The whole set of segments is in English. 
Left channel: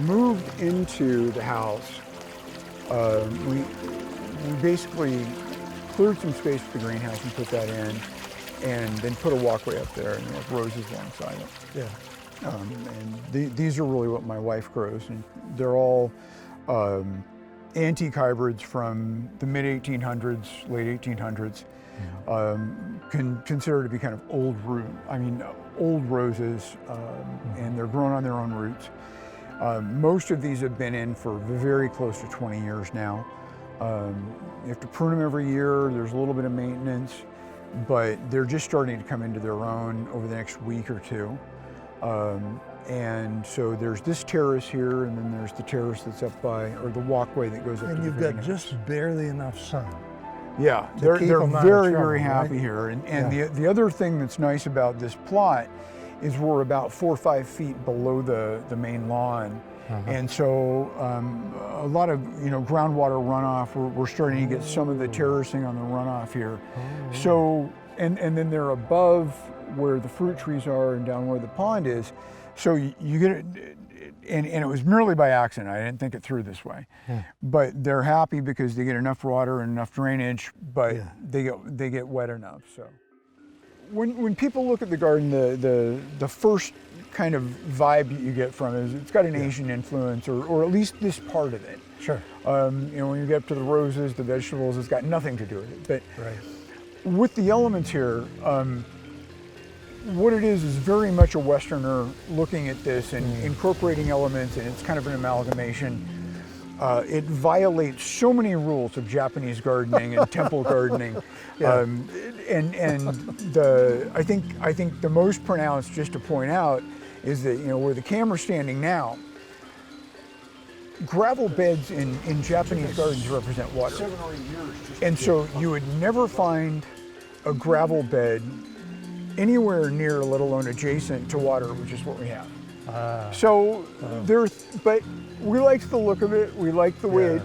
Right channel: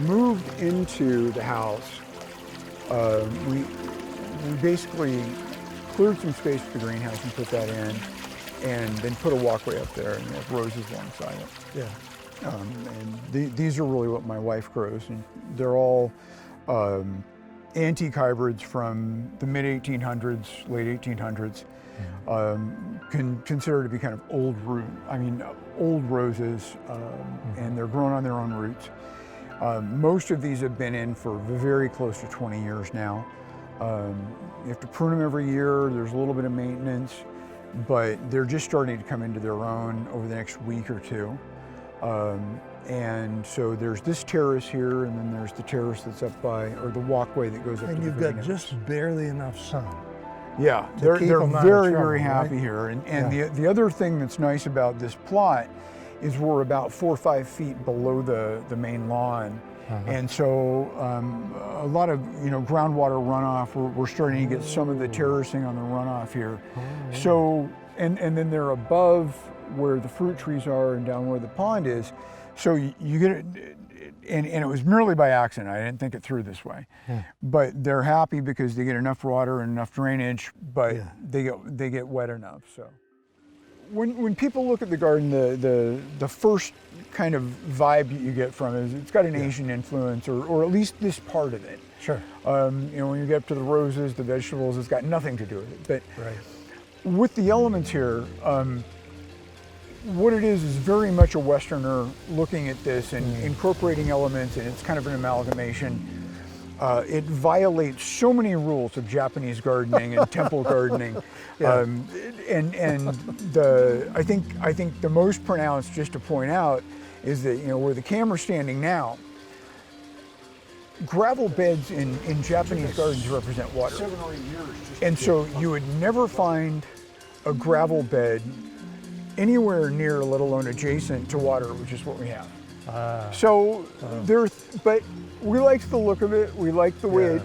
moved into the house, we basically cleared some space for the greenhouse and put that in, and then put a walkway up there and have roses alongside it. Yeah. And these are really what my wife grows, and they're all antique hybrids from the mid-1800s, late 1800s, considered to be kind of old old roses, and they're grown on their own roots. Most of these have been in for very close to 20 years now. You have to prune them every year. There's a little bit of maintenance, but they're just starting to come into their own over the next week or two. And so there's this terrace here, and then there's the terrace that's up by, or the walkway that goes up to the greenhouse. And you've got just barely enough sun. Yeah, they're very happy here. And the other thing that's nice about this plot is we're about 4 or 5 feet below the main lawn. And so a lot of groundwater runoff, we're starting to get some of the terracing on the runoff here. So, and then they're above where the fruit trees are and down where the pond is. So you get it, and it was merely by accident. I didn't think it through this way. But they're happy because they get enough water and enough drainage, but they get wet enough. So when people look at the garden, the first kind of vibe you get from it is it's got an Asian influence, or at least this part of it. Sure. When you get up to the roses, the vegetables, it's got nothing to do with it. But with the elements here, what it is very much a Westerner looking at this and incorporating elements, and it's kind of an amalgamation. It violates so many rules of Japanese gardening and temple gardening, and I think the most pronounced, just to point out, is that where the camera's standing now, gravel beds in Japanese gardens represent water. 7 or 8 years. And so you would never find a gravel bed anywhere near, let alone adjacent to water, which is what we have. But we like the look of it. We like the way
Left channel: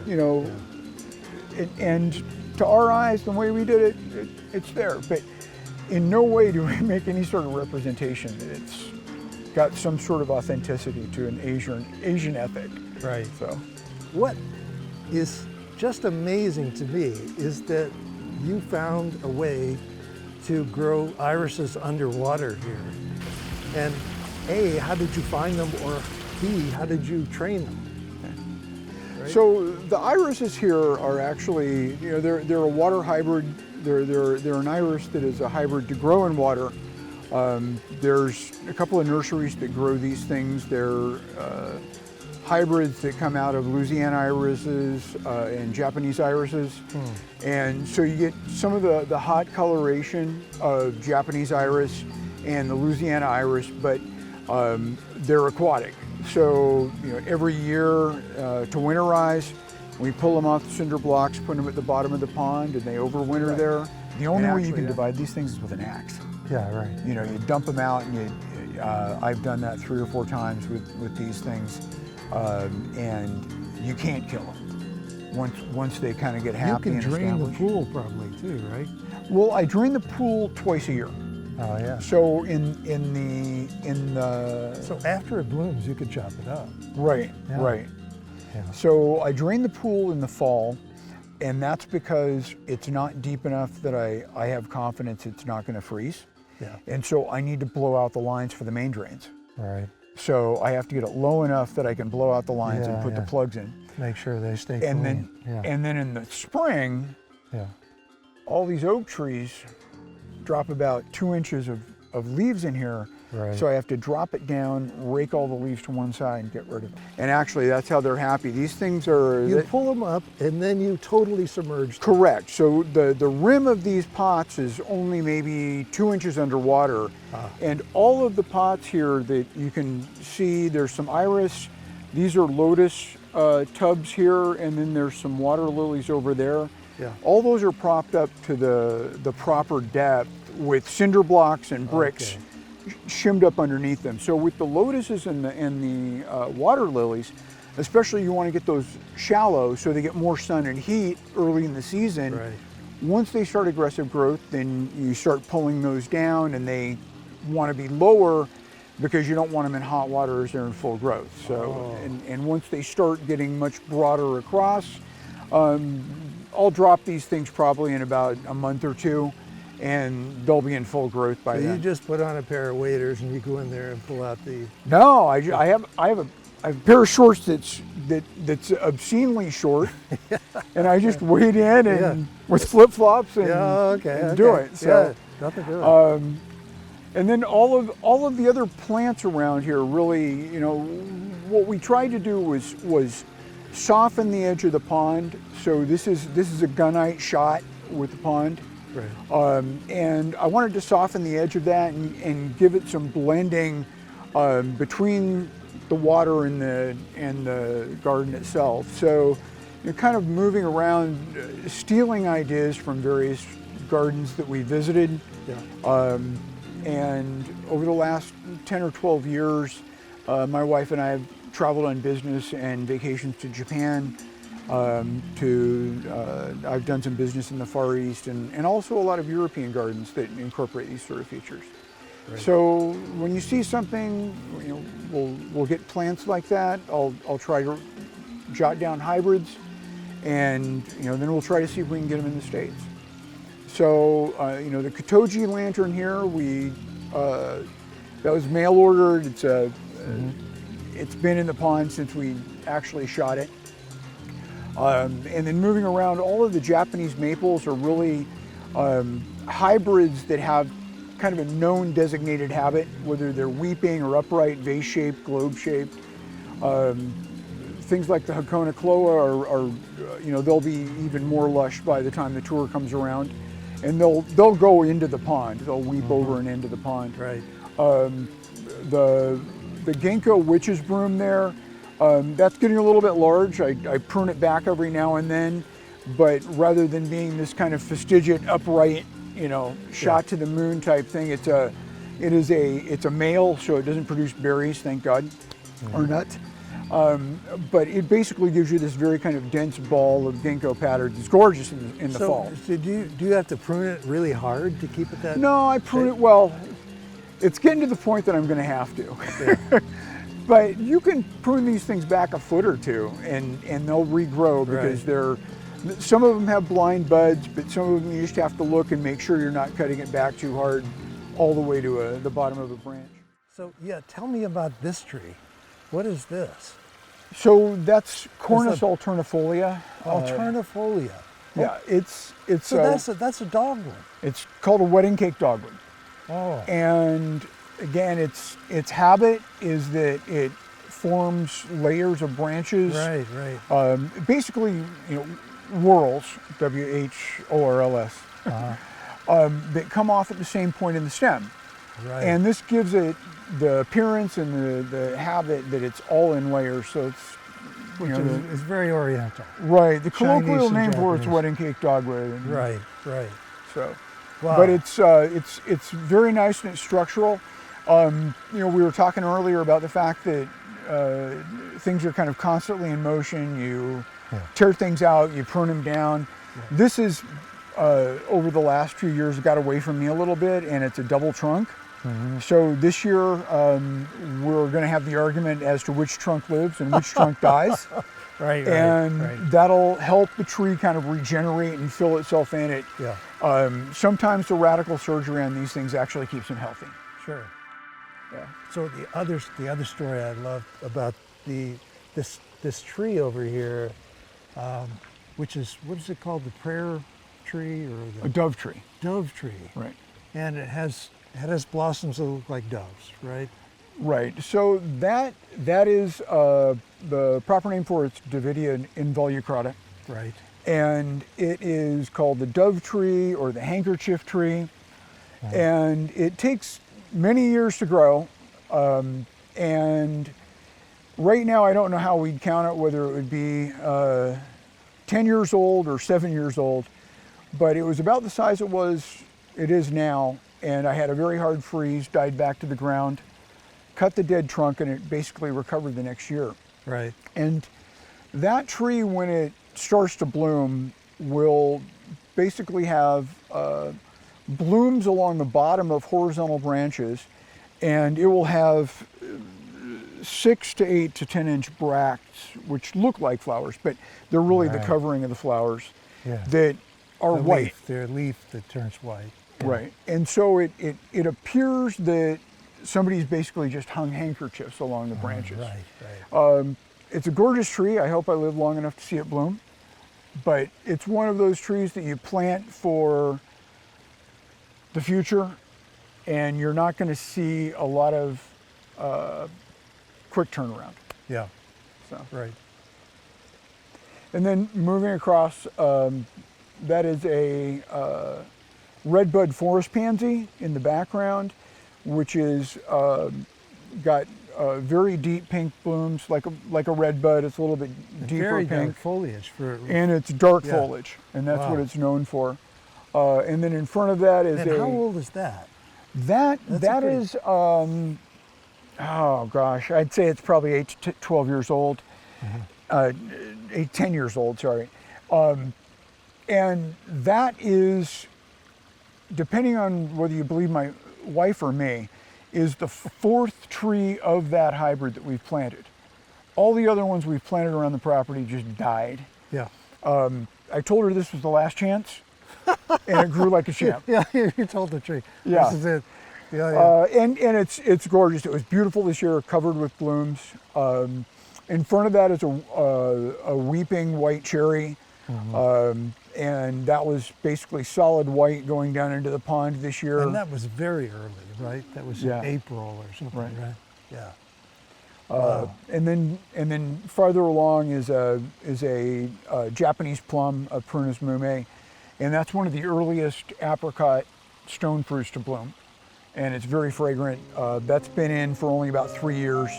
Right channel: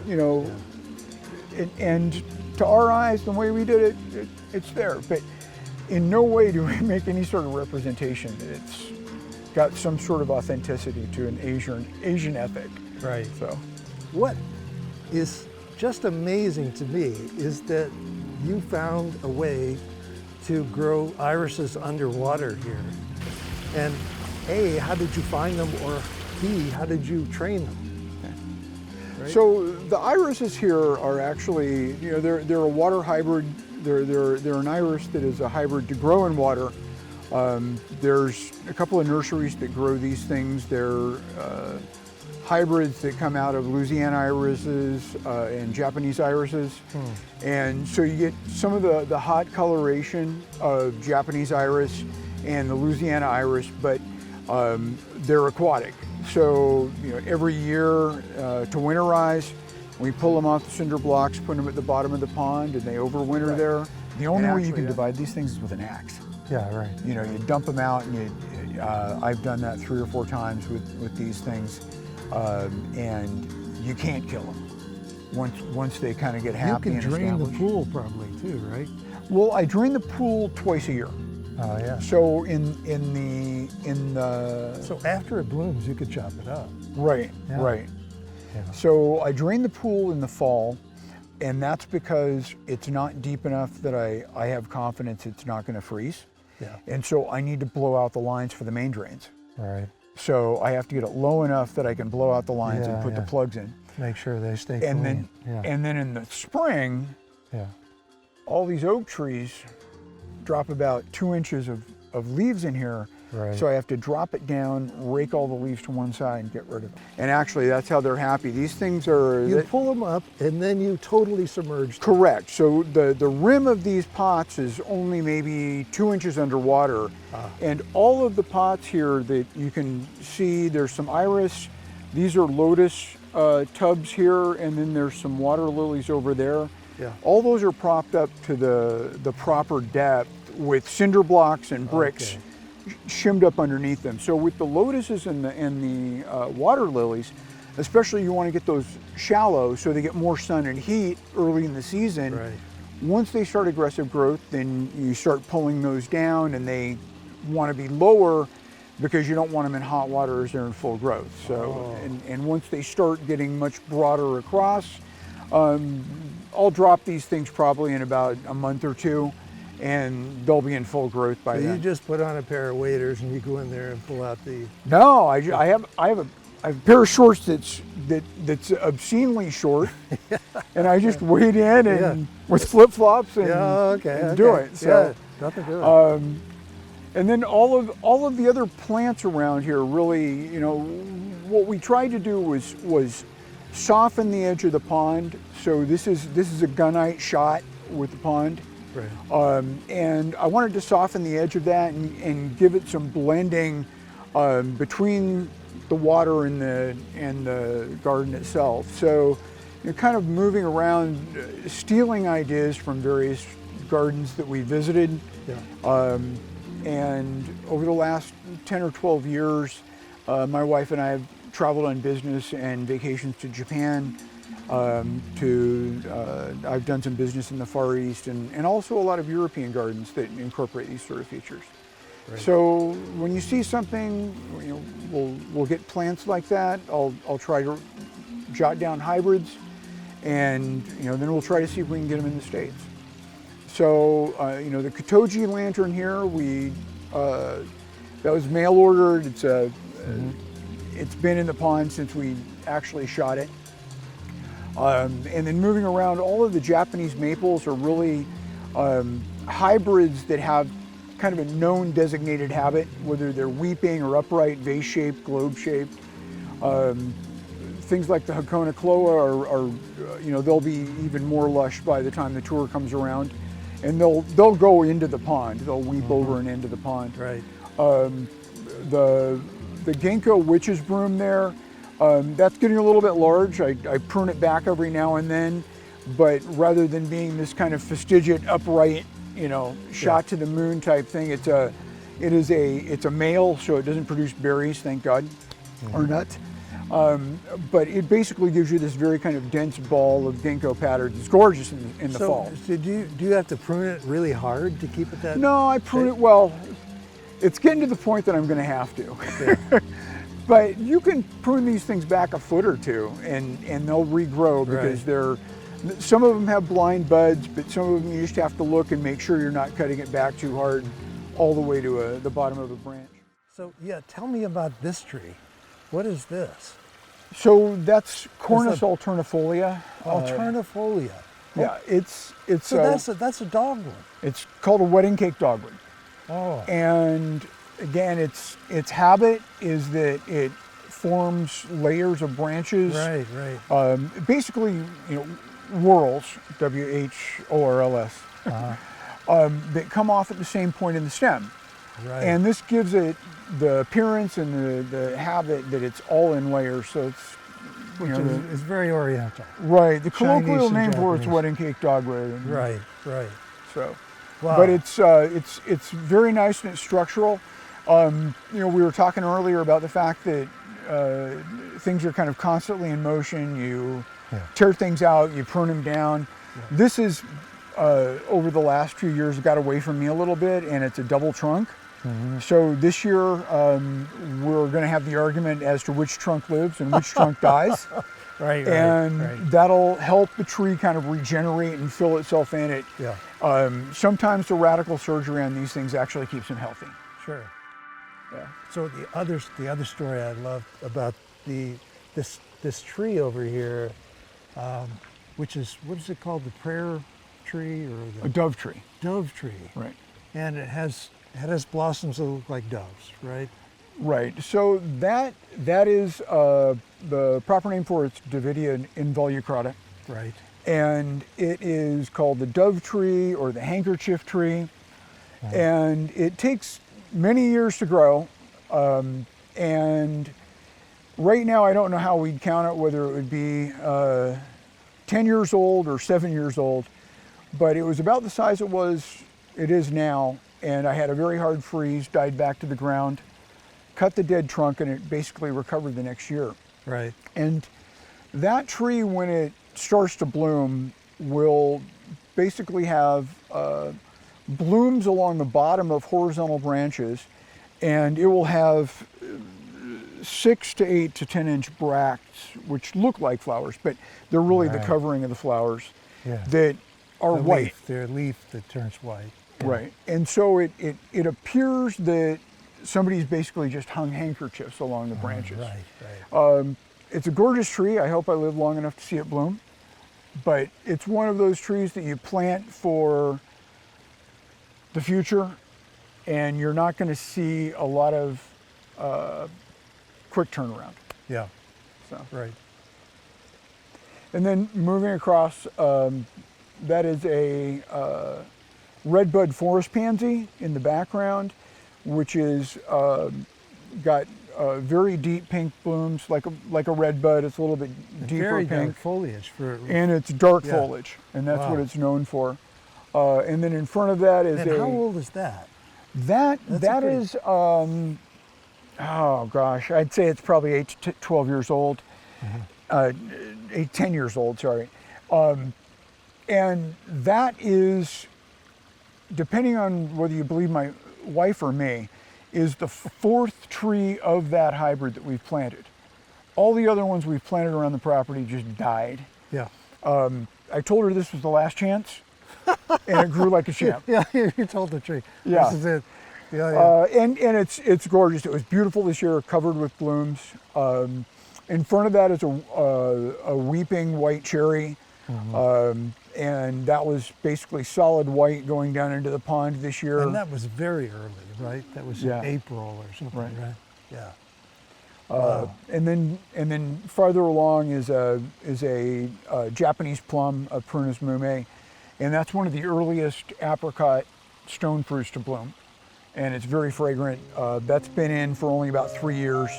and to our eyes, the way we did it, it's there. But in no way do we make any sort of representation that it's got some sort of authenticity to an Asian ethic. Right. So, what is just amazing to me is that you found a way to grow irises underwater here. And A, how did you find them, or B, how did you train them? Right? So the irises here are actually, they're a water hybrid. They're an iris that is a hybrid to grow in water. There's a couple of nurseries that grow these things. They're hybrids that come out of Louisiana irises and Japanese irises. And so you get some of the hot coloration of Japanese iris and the Louisiana iris, but they're aquatic. So every year to winterize, we pull them off the cinder blocks, put them at the bottom of the pond, and they overwinter there. The only way you can divide these things is with an axe. Yeah, right. You dump them out, and I've done that 3 or 4 times with these things. And you can't kill them once they kind of get happy. You can drain the pool probably too, right? Well, I drain the pool twice a year. Oh yeah. So so after it blooms, you could chop it up. Right. Yeah. Right. Yeah. So I drain the pool in the fall, and that's because it's not deep enough that I have confidence it's not going to freeze. Yeah. And so I need to blow out the lines for the main drains. Right. So I have to get it low enough that I can blow out the lines and put the plugs in. Make sure they stay and clean. And then in the spring, all these oak trees drop about 2 inches of leaves in here. Right. So I have to drop it down, rake all the leaves to one side, and get rid of them. And actually, that's how they're happy. These things are... You pull them up, and then you totally submerge them. Correct. So the rim of these pots is only maybe 2 inches underwater. And all of the pots here that you can see, there's some iris. These are lotus tubs here, and then there's some water lilies over there. Yeah. All those are propped up to the proper depth with cinder blocks and bricks. Okay. Shimmed up underneath them. So with the lotuses and the water lilies, especially you want to get those shallow so they get more sun and heat early in the season. Right. Once they start aggressive growth, then you start pulling those down, and they want to be lower because you don't want them in hot water as they're in full growth. So, and once they start getting much broader across, I'll drop these things probably in about a month or two, and they'll be in full growth by then. You just put on a pair of waders and you go in there and pull out the... No, I have a pair of shorts that's obscenely short, and I just wade in and with flip flops and, and do it. So nothing to it. And then all of the other plants around here really, you know, what we tried to do was soften the edge of the pond. So this is a gunite shot with the pond. Right. And I wanted to soften the edge of that and give it some blending between the water and the garden itself. So you're kind of moving around, stealing ideas from various gardens that we visited. Yeah. And over the last 10 or 12 years, my wife and I have traveled on business and vacations to Japan. I've done some business in the Far East and also a lot of European gardens that incorporate these sort of features. Right. So when you see something, you know, we'll get plants like that. I'll try to jot down hybrids, and you know, then we'll try to see if we can get them in the States. So you know, the Katoji lantern here, that was mail ordered. It's been in the pond since we actually shot it. And then moving around, all of the Japanese maples are really hybrids that have kind of a known designated habit, whether they're weeping or upright, vase-shaped, globe-shaped. Things like the Hakona Kloa are, you know, they'll be even more lush by the time the tour comes around, and they'll go into the pond. They'll weep over and into the pond. Right. The ginkgo witch's broom there, that's getting a little bit large. I prune it back every now and then, but rather than being this kind of fastigiate, upright, you know, shot to the moon type thing, it's a male, so it doesn't produce berries, thank God, or nuts. But it basically gives you this very kind of dense ball of ginkgo patterns. It's gorgeous in the fall. So do you have to prune it really hard to keep it that? No, I prune it well. It's getting to the point that I'm going to have to. Yeah. But you can prune these things back a foot or two, and they'll regrow because some of them have blind buds, but some of them you just have to look and make sure you're not cutting it back too hard all the way to the bottom of a branch. So yeah, tell me about this tree. What is this? So that's Cornus alternifolia. Alternifolia. Yeah, it's so that's a dogwood. It's called a wedding cake dogwood. Oh. And again, its habit is that it forms layers of branches. Right, right. Basically, you know, whorls, W-H-O-R-L-S, that come off at the same point in the stem. Right. And this gives it the appearance and the habit that it's all in layers. So it's, it's very oriental. Right. The colloquial name for Japanese. it's wedding cake dogwood. Right, right. So, wow. But it's very nice and it's structural. You know, we were talking earlier about the fact that things are kind of constantly in motion. You tear things out, you prune them down. Yeah. This is, over the last few years, got away from me a little bit, and it's a double trunk. Mm-hmm. So this year, we're going to have the argument as to which trunk lives and which trunk dies. Right, and right. That'll help the tree kind of regenerate and fill itself in. Sometimes the radical surgery on these things actually keeps them healthy. Sure. Yeah. So the other story I love about this tree over here, which is, what is it called? The prayer tree or a dove tree? Dove tree. Right. And it has blossoms that look like doves, right? Right. So that is the proper name for it's Davidia involucrata. Right. And it is called the dove tree or the handkerchief tree. Uh-huh. And it takes many years to grow. And right now, I don't know how we'd count it, whether it would be 10 years old or 7 years old, but it was about the size it is now. And I had a very hard freeze, died back to the ground, cut the dead trunk, and it basically recovered the next year. Right. And that tree, when it starts to bloom, will basically have blooms along the bottom of horizontal branches, and it will have 6 to 8 to 10 inch bracts, which look like flowers, but they're really the covering of the flowers that are white. Their leaf that turns white. Right, and so it appears that somebody's basically just hung handkerchiefs along the branches. It's a gorgeous tree. I hope I live long enough to see it bloom. But it's one of those trees that you plant for the future, and you're not going to see a lot of quick turnaround. Yeah. So. Right. And then moving across, that is a redbud forest pansy in the background, which is got very deep pink blooms, like a redbud. It's a little bit deeper very pink. dark foliage and it's dark foliage, and that's what it's known for. And then in front of that is how old is that? That is oh gosh, I'd say it's probably 8 to 12 years old. 10 years old, sorry. And that is, depending on whether you believe my wife or me, is the 4th tree of that hybrid that we've planted. All the other ones we've planted around the property just died. Yeah. I told her this was the last chance, and it grew like a champ. Yeah, you told the tree. Yeah. This is it. Yeah. And it's gorgeous. It was beautiful this year, covered with blooms. In front of that is a weeping white cherry. And that was basically solid white going down into the pond this year. And that was very early, right? That was in April or something, right? Yeah. Wow. And then farther along is a Japanese plum, a Prunus mume, and that's one of the earliest apricot stone fruits to bloom, and it's very fragrant. That's been in for only about 3 years.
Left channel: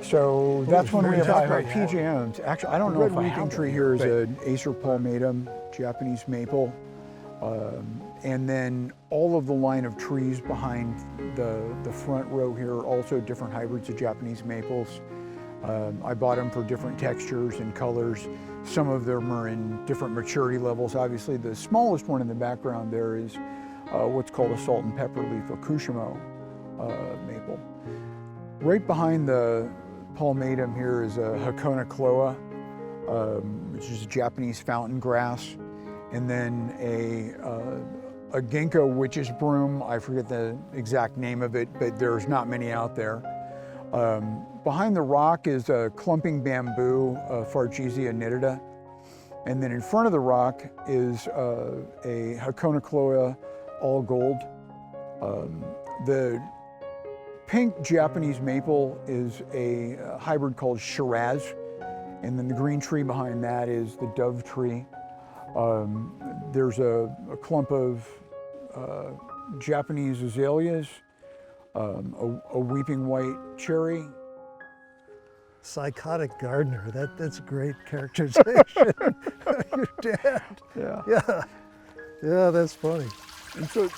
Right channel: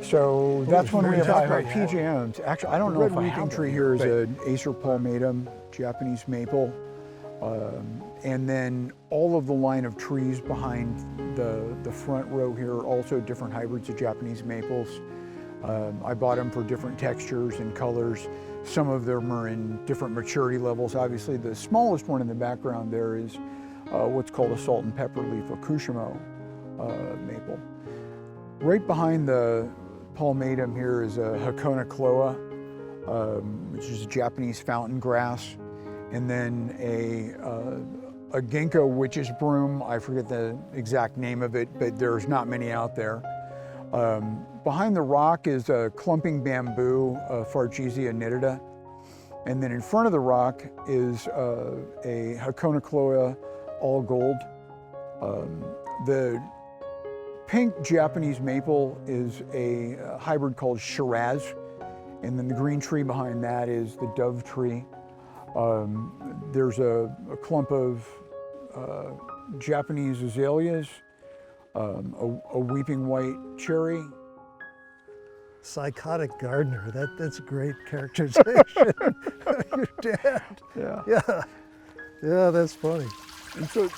So that's when we have PJMs. Actually, I don't know if a weeping tree here is an Acer palmatum, Japanese maple, and then all of the line of trees behind the front row here are also different hybrids of Japanese maples. I bought them for different textures and colors. Some of them are in different maturity levels. Obviously, the smallest one in the background there is what's called a salt and pepper leaf, a Kushimo maple. Right behind the palmatum here is a Hakona cloa, which is a Japanese fountain grass, and then a ginkgo witch's broom. I forget the exact name of it, but there's not many out there. Behind the rock is a clumping bamboo, Fargesia nitida, and then in front of the rock is a Hakona cloa all gold. The pink Japanese maple is a hybrid called Shiraz, and then the green tree behind that is the dove tree. There's a clump of Japanese azaleas, a weeping white cherry. Psychotic gardener, that's a great characterization. Your dad. Yeah, that's funny. And so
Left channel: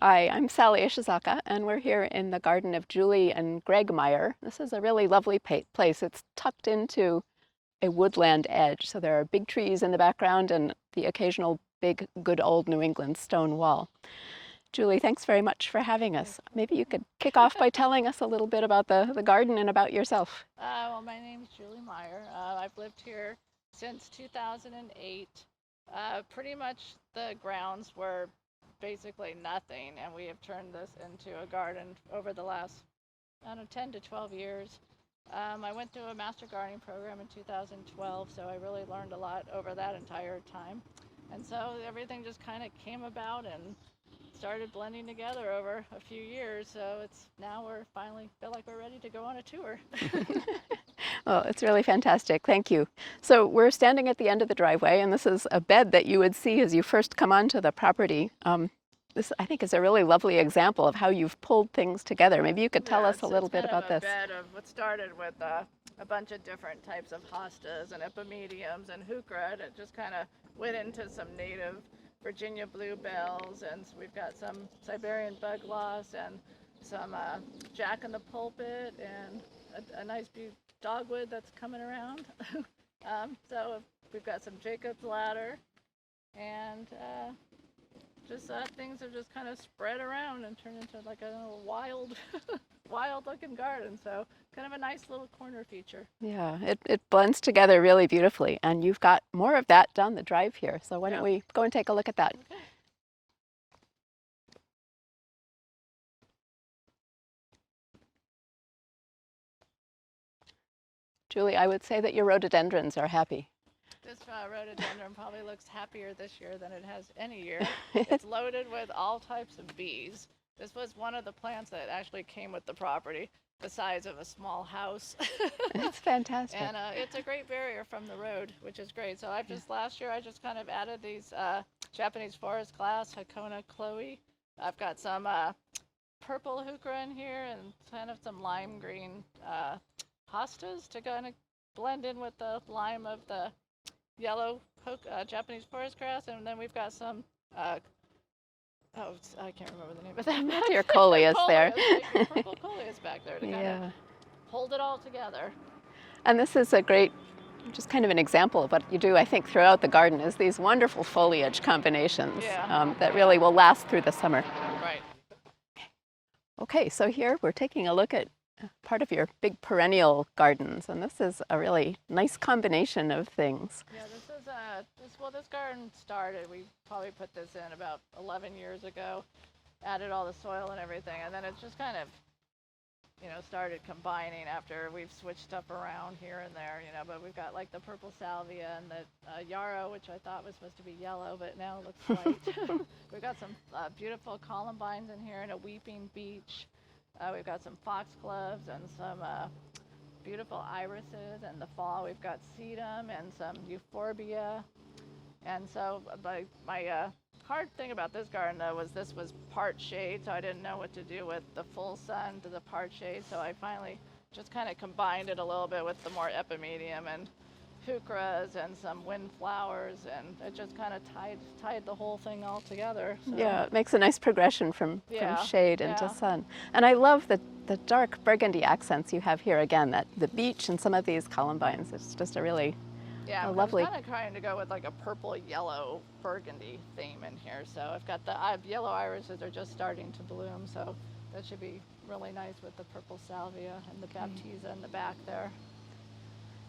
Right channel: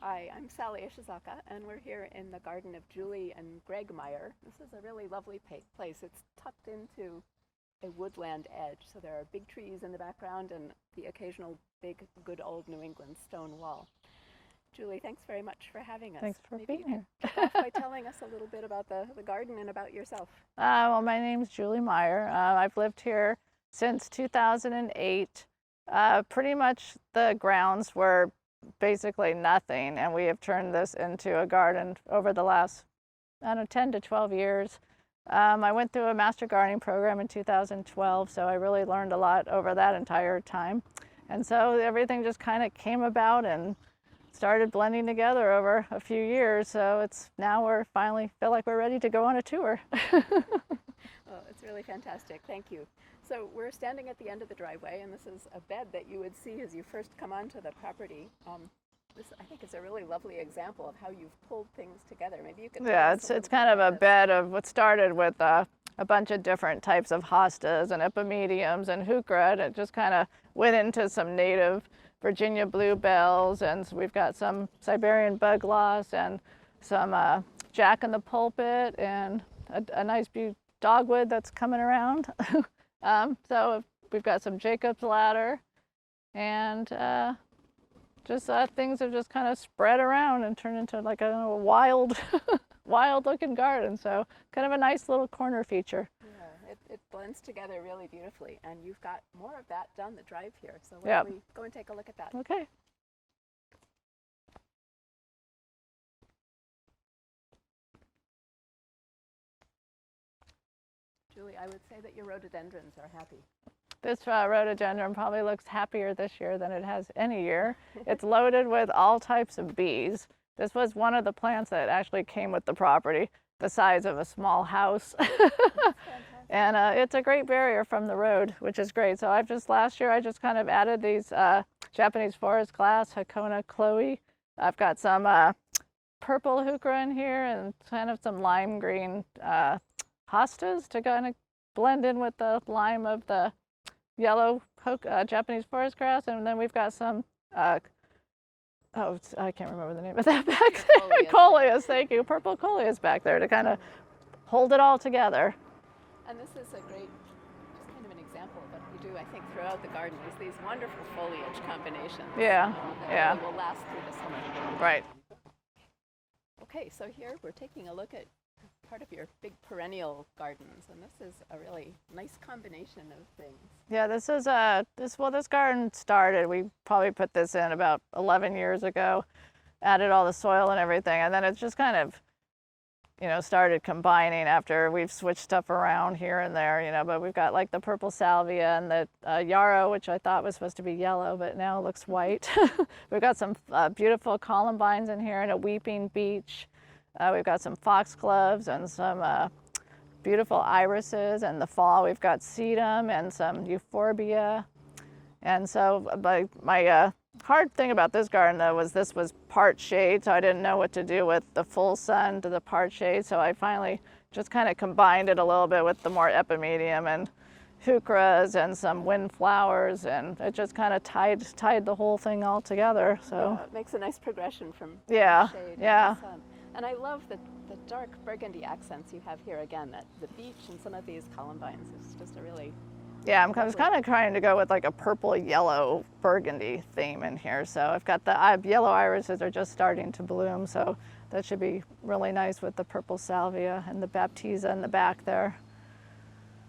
Hi, I'm Sally Ishizaka, and we're here in the garden of Julie and Greg Meyer. This is a really lovely place. It's tucked into a woodland edge, so there are big trees in the background and the occasional big, good old New England stone wall. Julie, thanks very much for having us. Maybe you could kick off by telling us a little bit about the garden and about yourself. Well, my name's Julie Meyer. I've lived here since 2008. Pretty much the grounds were basically nothing, and we have turned this into a garden over the last, 10 to 12 years. I went through a master gardening program in 2012, so I really learned a lot over that entire time. And so everything just kind of came about and started blending together over a few years. So now we're finally feel like we're ready to go on a tour. Well, it's really fantastic. Thank you. So we're standing at the end of the driveway, and this is a bed that you would see as you first come onto the property. This, I think, is a really lovely example of how you've pulled things together. Maybe you could tell us a little bit about this. It's kind of a bed of what started with a bunch of different types of hostas and epimediums and heuchera, and it just kind of went into some native Virginia bluebells, and so we've got some Siberian bugloss and some jack in the pulpit and a nice dogwood that's coming around. So we've got some Jacob's ladder, and just things have just kind of spread around and turned into like a wild, wild looking garden. So kind of a nice little corner feature. Yeah, it blends together really beautifully, and you've got more of that down the drive here. So why don't we go and take a look at that? Okay. Julie, I would say that your rhododendrons are happy. This rhododendron probably looks happier this year than it has any year. It's loaded with all types of bees. This was one of the plants that actually came with the property, the size of a small house. That's fantastic. And it's a great barrier from the road, which is great. So last year I just kind of added these Japanese forest glass, Hakona Chloe. I've got some purple heuchera in here and kind of some lime green hostas to kind of blend in with the lime of the yellow Japanese forest grass. And then we've got some I can't remember the name of that back Your coleus there. Coleus, thank you. Purple coleus back there to kind of hold it all together. And this is a great, just kind of an example of what you do, I think, throughout the garden is these wonderful foliage combinations that really will last through the summer. Right. Okay, so here we're taking a look at part of your big perennial gardens, and this is a really nice combination of things. Yeah, this is this garden started, we probably put this in about 11 years ago, added all the soil and everything, and then it's just kind of, started combining after we've switched stuff around here and there, but we've got like the purple salvia and the yarrow, which I thought was supposed to be yellow, but now it looks white. We've got some beautiful columbines in here and a weeping beech. We've got some foxgloves and some beautiful irises. And the fall we've got sedum and some euphorbia. And so my hard thing about this garden though was this was part shade, so I didn't know what to do with the full sun to the part shade. So I finally just kind of combined it a little bit with the more epimedium and heucheras and some windflowers, and it just kind of tied the whole thing all together. So yeah, it makes a nice progression from shade into sun. And I love the dark burgundy accents you have here again, that the beech and some of these columbines. It's just a really I'm kind of trying to go with like a purple yellow burgundy theme in here. So I've got the yellow irises are just starting to bloom, so that should be really nice with the purple salvia and the baptisia in the back there.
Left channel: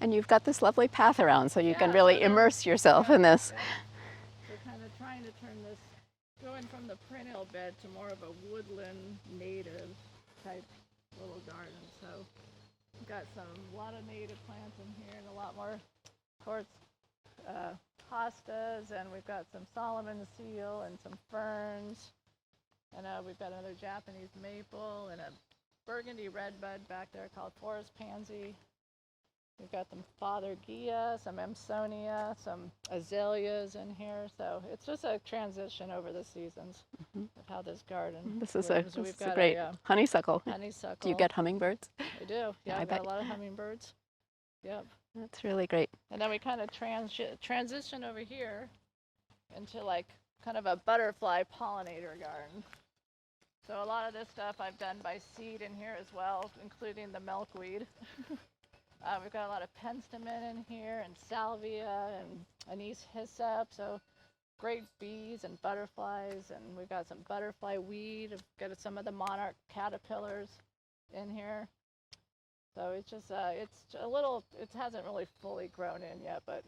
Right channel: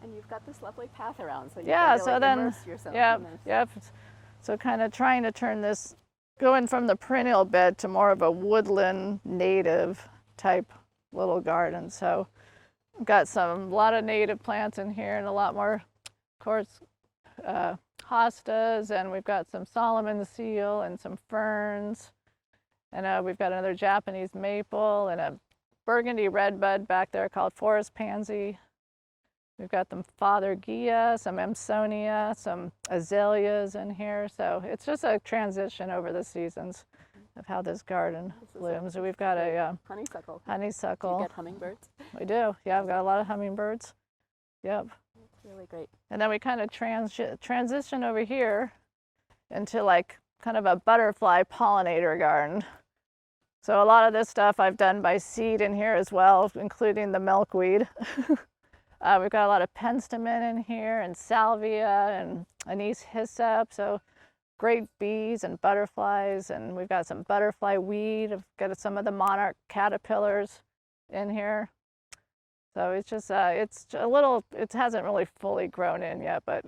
And you've got this lovely path around, so you can really immerse yourself in this. Yep. So kind of trying to turn this, going from the perennial bed to more of a woodland native type little garden. So I've got a lot of native plants in here and a lot more, of course, hostas, and we've got some Solomon seal and some ferns. And we've got another Japanese maple and a burgundy redbud back there called forest pansy. We've got some Fothergia, some Amsonia, some azaleas in here. So it's just a transition over the seasons of how this garden lives. So we've got a honeysuckle. Honeysuckle. Do you get hummingbirds? We do. Yeah, we've got a lot of hummingbirds. Yep. That's really great. And then we kind of transition over here into like kind of a butterfly pollinator garden. So a lot of this stuff I've done by seed in here as well, including the milkweed. We've got a lot of penstemon in here and salvia and anise hyssop, so great bees and butterflies, and we've got some butterfly weed. I've got some of the monarch caterpillars in here. So it's just, it's a little, it hasn't really fully grown in yet, but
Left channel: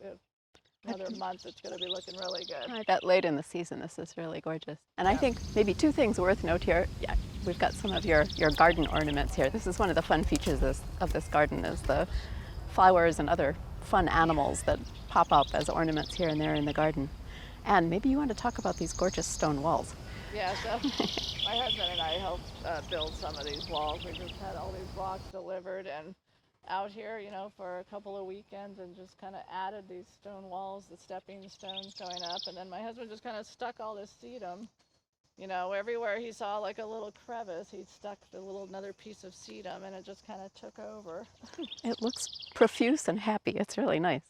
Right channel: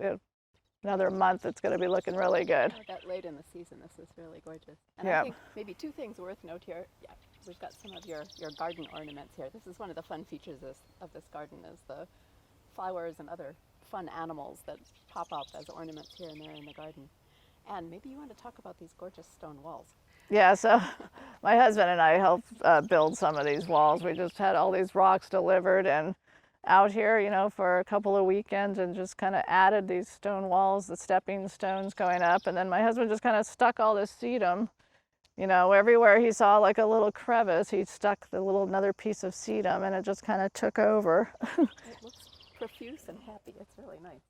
another month it's going to be looking really good. I bet late in the season this is really gorgeous. And I think maybe two things worth note here. Yeah, we've got some of your garden ornaments here. This is one of the fun features of this garden is the flowers and other fun animals that pop up as ornaments here and there in the garden. And maybe you want to talk about these gorgeous stone walls. Yeah, so my husband and I helped build some of these walls. We just had all these rocks delivered and out here, for a couple of weekends and just kind of added these stone walls, the stepping stones going up. And then my husband just kind of stuck all this sedum, everywhere he saw like a little crevice, he stuck another piece of sedum and it just kind of took over. It looks profuse and happy. It's really nice.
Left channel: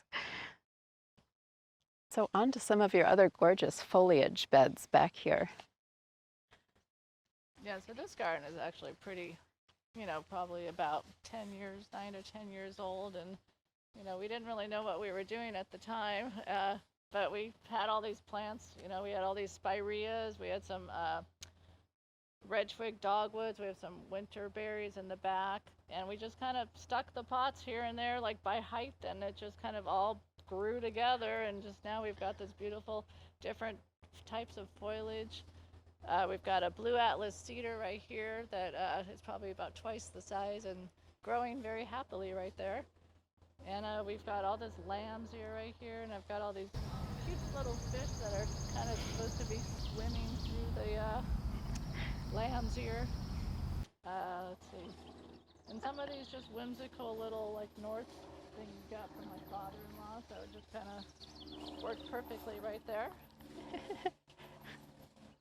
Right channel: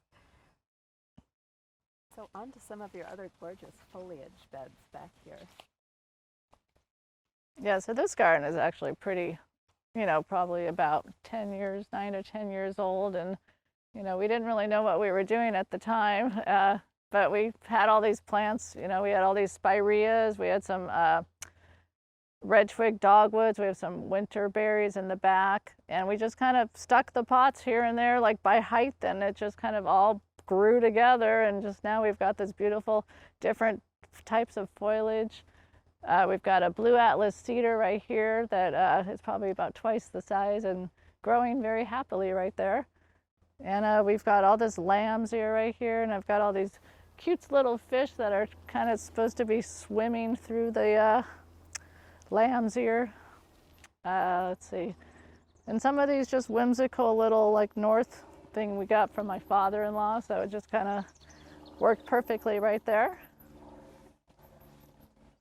So on to some of your other gorgeous foliage beds back here. Yeah, so this garden is actually pretty you know, probably about 10 years, 9 or 10 years old. And, you know, we didn't really know what we were doing at the time, but we had all these plants. You know, we had all these spireas, we had some red twig dogwoods, we have some winter berries in the back, and we just kind of stuck the pots here and there like by height, and it just kind of all grew together, and just now we've got this beautiful different types of foliage. We've got a blue atlas cedar right here that is probably about twice the size and growing very happily right there. And we've got all this lamb's ear right here, and I've got all these cute little fish that are kind of supposed to be swimming through the lamb's ear. Let's see. And some of these just whimsical little like north thing we got from my father-in-law, so it just kind of worked perfectly right there.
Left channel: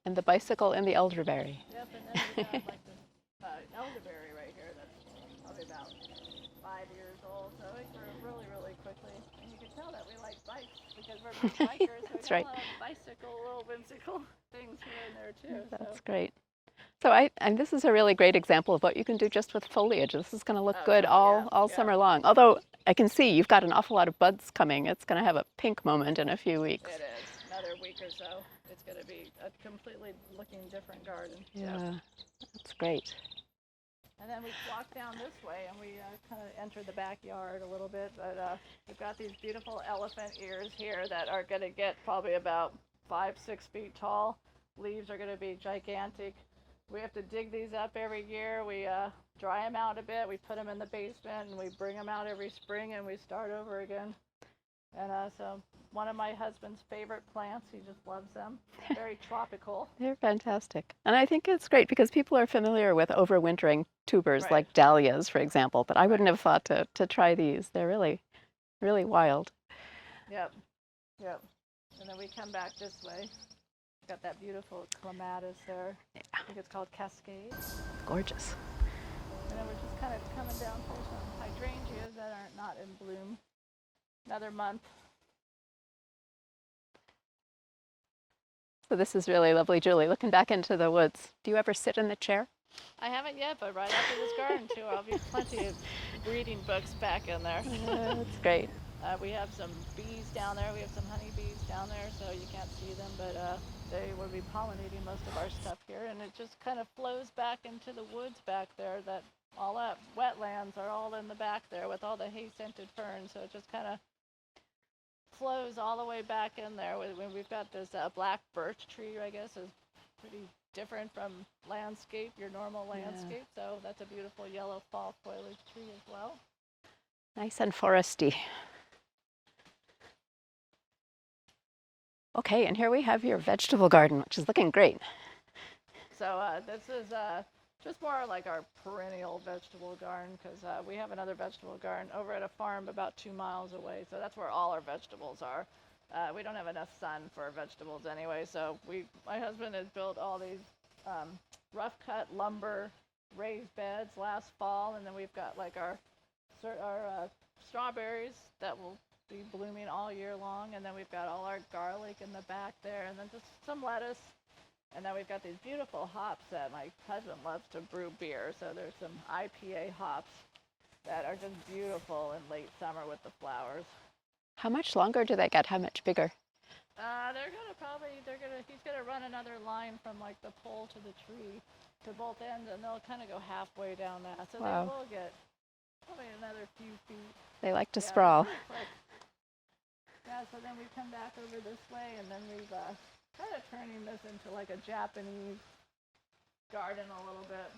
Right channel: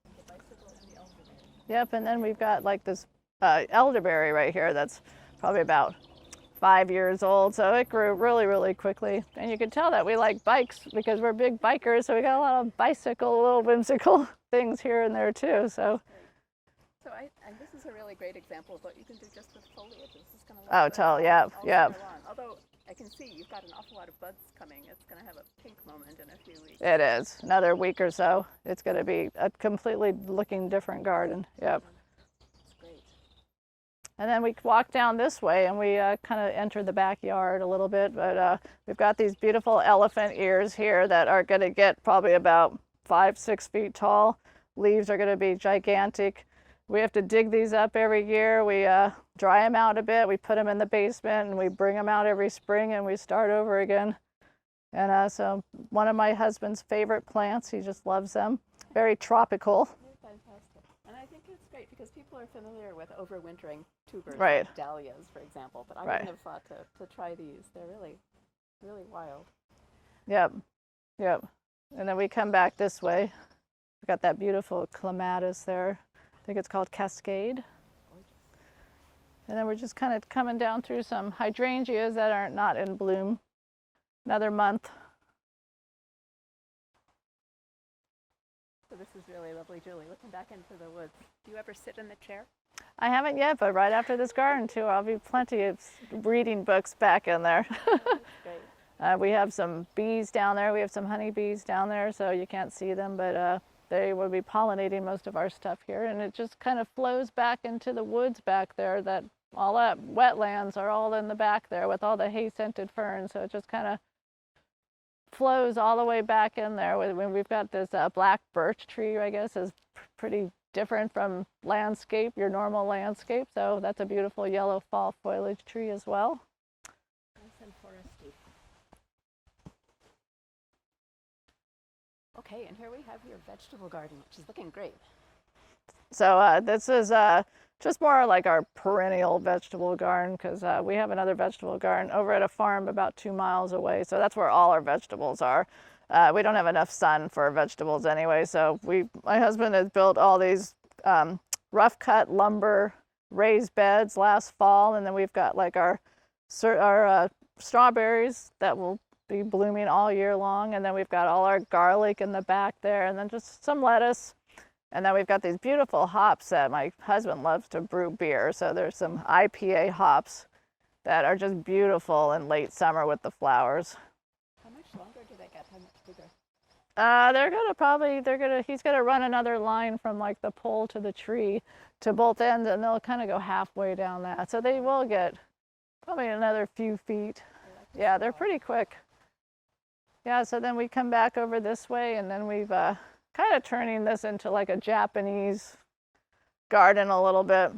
And the bicycle and the elderberry. Yep, and then we've got like this elderberry right here that's probably about 5 years old, so it grew really, really quickly. And you can tell that we like bikes because we're big bikers, so we got a lot of bicycle, little whimsical things here and there too. That's great. So and this is a really great example of what you can do just with foliage. This is going to look good all summer long. Although I can see you've got an awful lot of buds coming. It's going to have a pink moment in a few weeks. It is. Another week or so. It's going to be a completely looking different garden. Yep. That's great. And then we walk down this way and we kind of enter the backyard a little bit, but we've got these beautiful elephant ears here that are going to get probably about 5-6 feet tall. Leaves are going to be gigantic. We have to dig these up every year. We dry them out a bit. We put them in the basement and we bring them out every spring and we start over again. And so one of my husband's favorite plants, he just loves them. Very tropical. They're fantastic. And I think it's great because people are familiar with overwintering tubers like dahlias, for example, but I wouldn't have thought to try these. They're really, really wild. Yep, yep. And then we come back this way. We've got that beautiful clematis there. I think it's called Cascade. Gorgeous. And then we're just kind of coming down through some hydrangeas that are not in bloom. Another month. So this is really lovely, Julie. Looking back into the woods, do you ever sit in the chair? I haven't yet, but right after this garden tour, I'll be plenty of reading books back in there. That's great. We have some bees down there. We have some honeybees down there, so you can't see them, but they will be pollinating most of our stuff here. And it just kind of flows back into the woods back there. That all that wetlands are all in the back there with all the hay-scented ferns. So it just kind of flows all the way back in there. We've got this black birch tree, I guess, is pretty different from landscape, your normal landscape. So that's a beautiful yellow fall foliage tree as well. Nice and foresty. Okay, and here we have your vegetable garden, which is looking great. So this is just more like our perennial vegetable garden, because we have another vegetable garden over at a farm about 2 miles away. So that's where all our vegetables are. We don't have enough sun for vegetables anyway. So my husband has built all these rough cut lumber raised beds last fall. And then we've got like our strawberries that will be blooming all year long. And then we've got all our garlic in the back there, and then just some lettuce. And then we've got these beautiful hops that my husband loves to brew beer. So there's some IPA hops that are just beautiful in late summer with the flowers. How much longer do they get? How much bigger? He's gonna run another line from like the pole to the tree to both ends, and they'll kind of go halfway down that. So they will get probably another few feet. They like to sprawl. Yeah, they're pretty quick. Yeah, so then we come back over this way, and then we've kind of turning this into like a Japanese garden a little bit.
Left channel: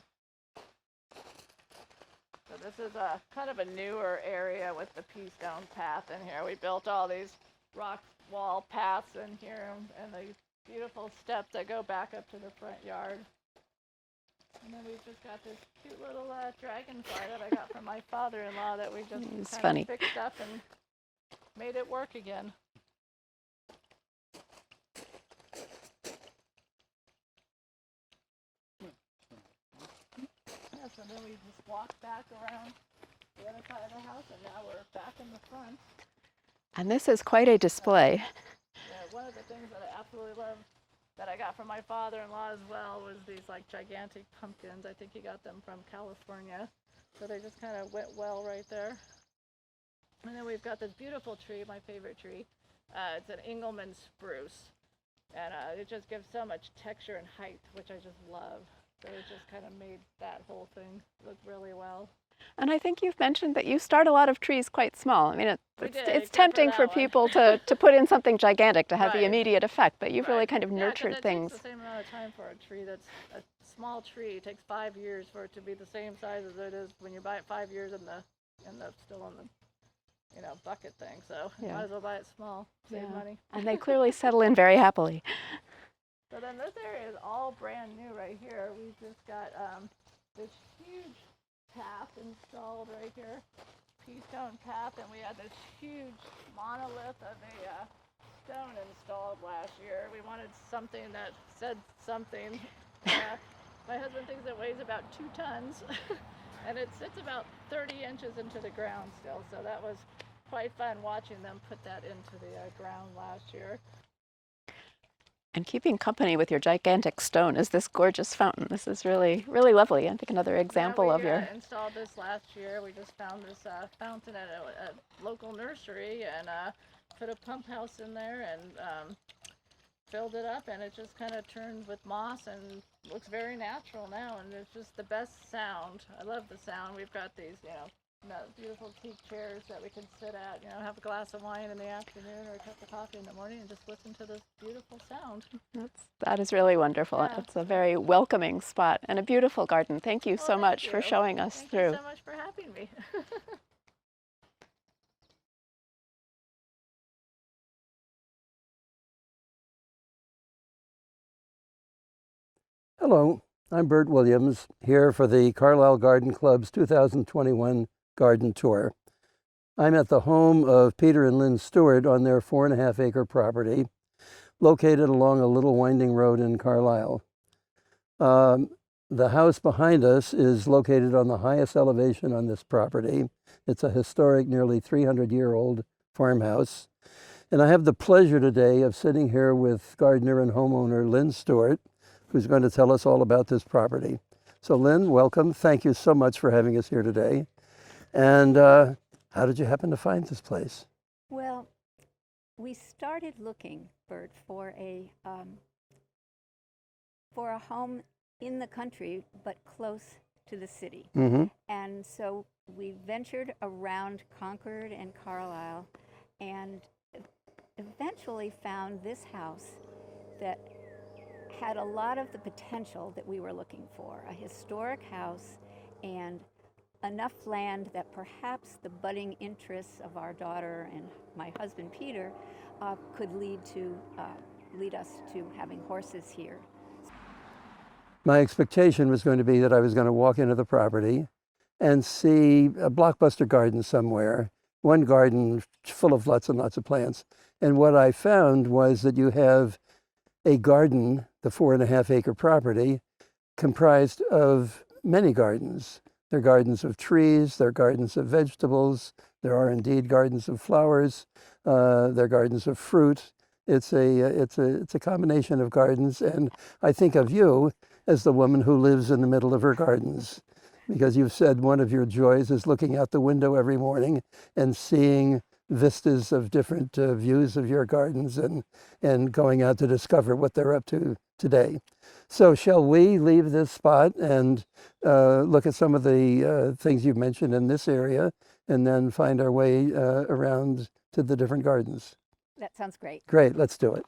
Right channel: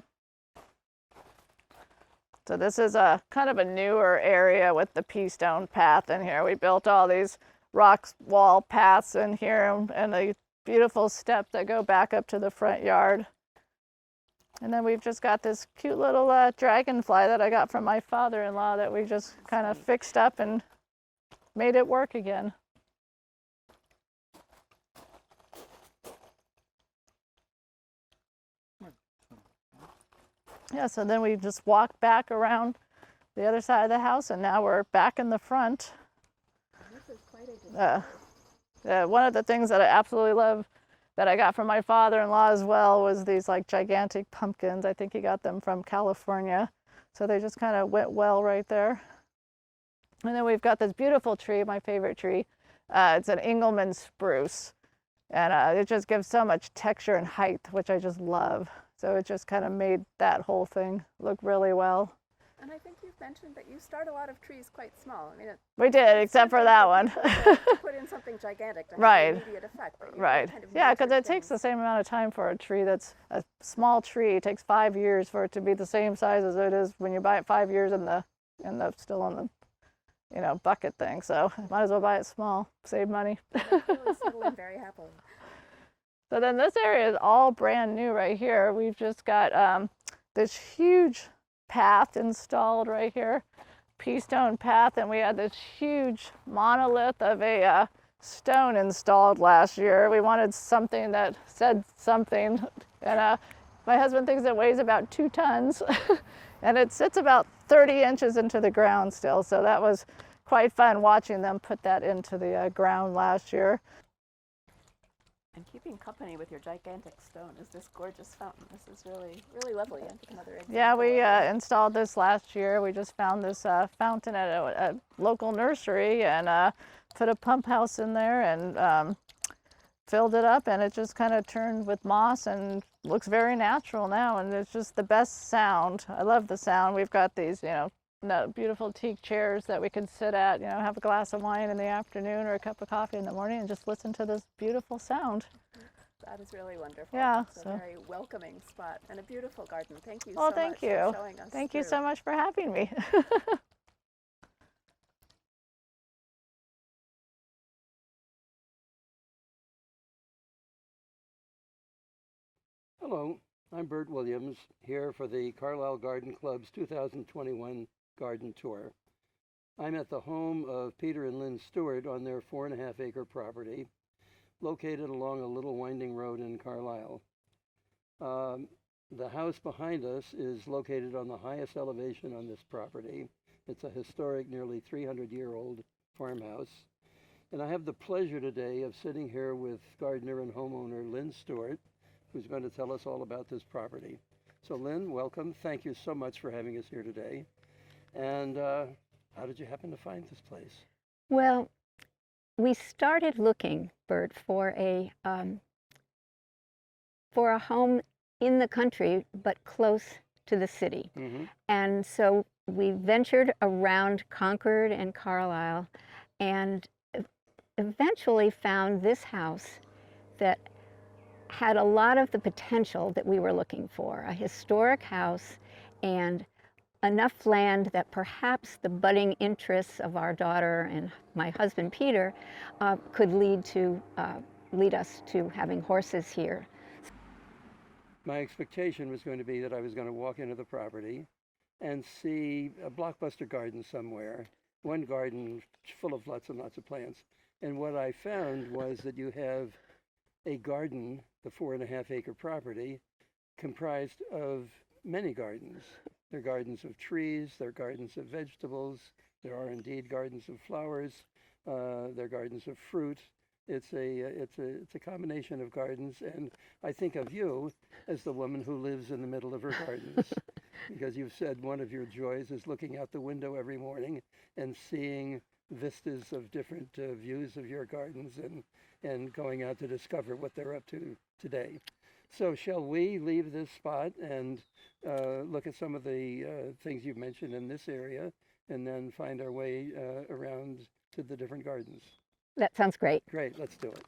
So this is a kind of a newer area with the pea stone path in here. We built all these rock wall paths in here and the beautiful steps that go back up to the front yard. And then we've just got this cute little dragonfly that I got from my father-in-law that we just kind of fixed up and made it work again. Yeah, so then we just walked back around the other side of the house, and now we're back in the front. And this is quite a display. One of the things that I absolutely love that I got from my father-in-law as well was these like gigantic pumpkins. I think he got them from California. So they just kind of went well right there. And then we've got this beautiful tree, my favorite tree. It's an Engelmann spruce. And it just gives so much texture and height, which I just love. So it just kind of made that whole thing look really well. And I think you've mentioned that you start a lot of trees quite small. I mean, it's tempting for one. people to put in something gigantic to have Right. the immediate effect, but you've really kind of nurtured because it things. takes the same amount of time for a tree that's a small tree. It takes 5 years for it to be the same size as it is when you buy it 5 years still in the bucket thing. So might as well buy it small, save money. And they clearly settle in very happily. So then this area is all brand new right here. We've just got this huge path installed right here, pea stone path, and we had this huge monolith of a stone installed last year. We wanted something that said something, and my husband thinks it weighs about 2 tons, and it sits about 30 inches into the ground still, so that was quite fun watching them put that into the ground last year. And keeping company with your gigantic stone is this gorgeous fountain. This is really, really lovely. I think another example of Yeah, we installed this last year. We just found this fountain at a local nursery and put a pump house in there and filled it up, and it just kind of turned with moss and looks very natural now, and it's just the best sound. I love the sound. We've got these, beautiful teak chairs that we can sit at, have a glass of wine in the afternoon or a cup of coffee in the morning and just listen to this beautiful sound. That is really wonderful. Yeah, it's a very welcoming spot and a beautiful garden. Thank you so much for showing us Thank through. you so much for having me. Hello, I'm Bert Williams, here for the Carlisle Garden Club's 2021 Garden Tour. I'm at the home of Peter and Lynn Stewart on their 4.5-acre property, located along a little winding road in Carlisle. The house behind us is located on the highest elevation on this property. It's a historic, nearly 300-year-old farmhouse. And I have the pleasure today of sitting here with gardener and homeowner Lynn Stewart, who's going to tell us all about this property. So Lynn, welcome. Thank you so much for having us here today. And how did you happen to find this place? Well, we started looking, Bert, for a home in the country, but close to the city. Mm-hmm. And so we ventured around Concord and Carlisle and eventually found this house that had a lot of the potential that we were looking for, a historic house and enough land that perhaps the budding interests of our daughter and my husband Peter could lead us to having horses here. My expectation was going to be that I was going to walk into the property and see a blockbuster garden somewhere, one garden full of lots and lots of plants. And what I found was that you have a garden, the 4.5-acre property, comprised of many gardens. There are gardens of trees, there are gardens of vegetables, there are indeed gardens of flowers, there are gardens of fruit. It's a combination of gardens, and I think of you as the woman who lives in the middle of her gardens, because you've said one of your joys is looking out the window every morning and seeing vistas of different views of your gardens and going out to discover what they're up to today. So shall we leave this spot and look at some of the things you've mentioned in this area and then find our way around to the different gardens? That sounds great. Great, let's do it.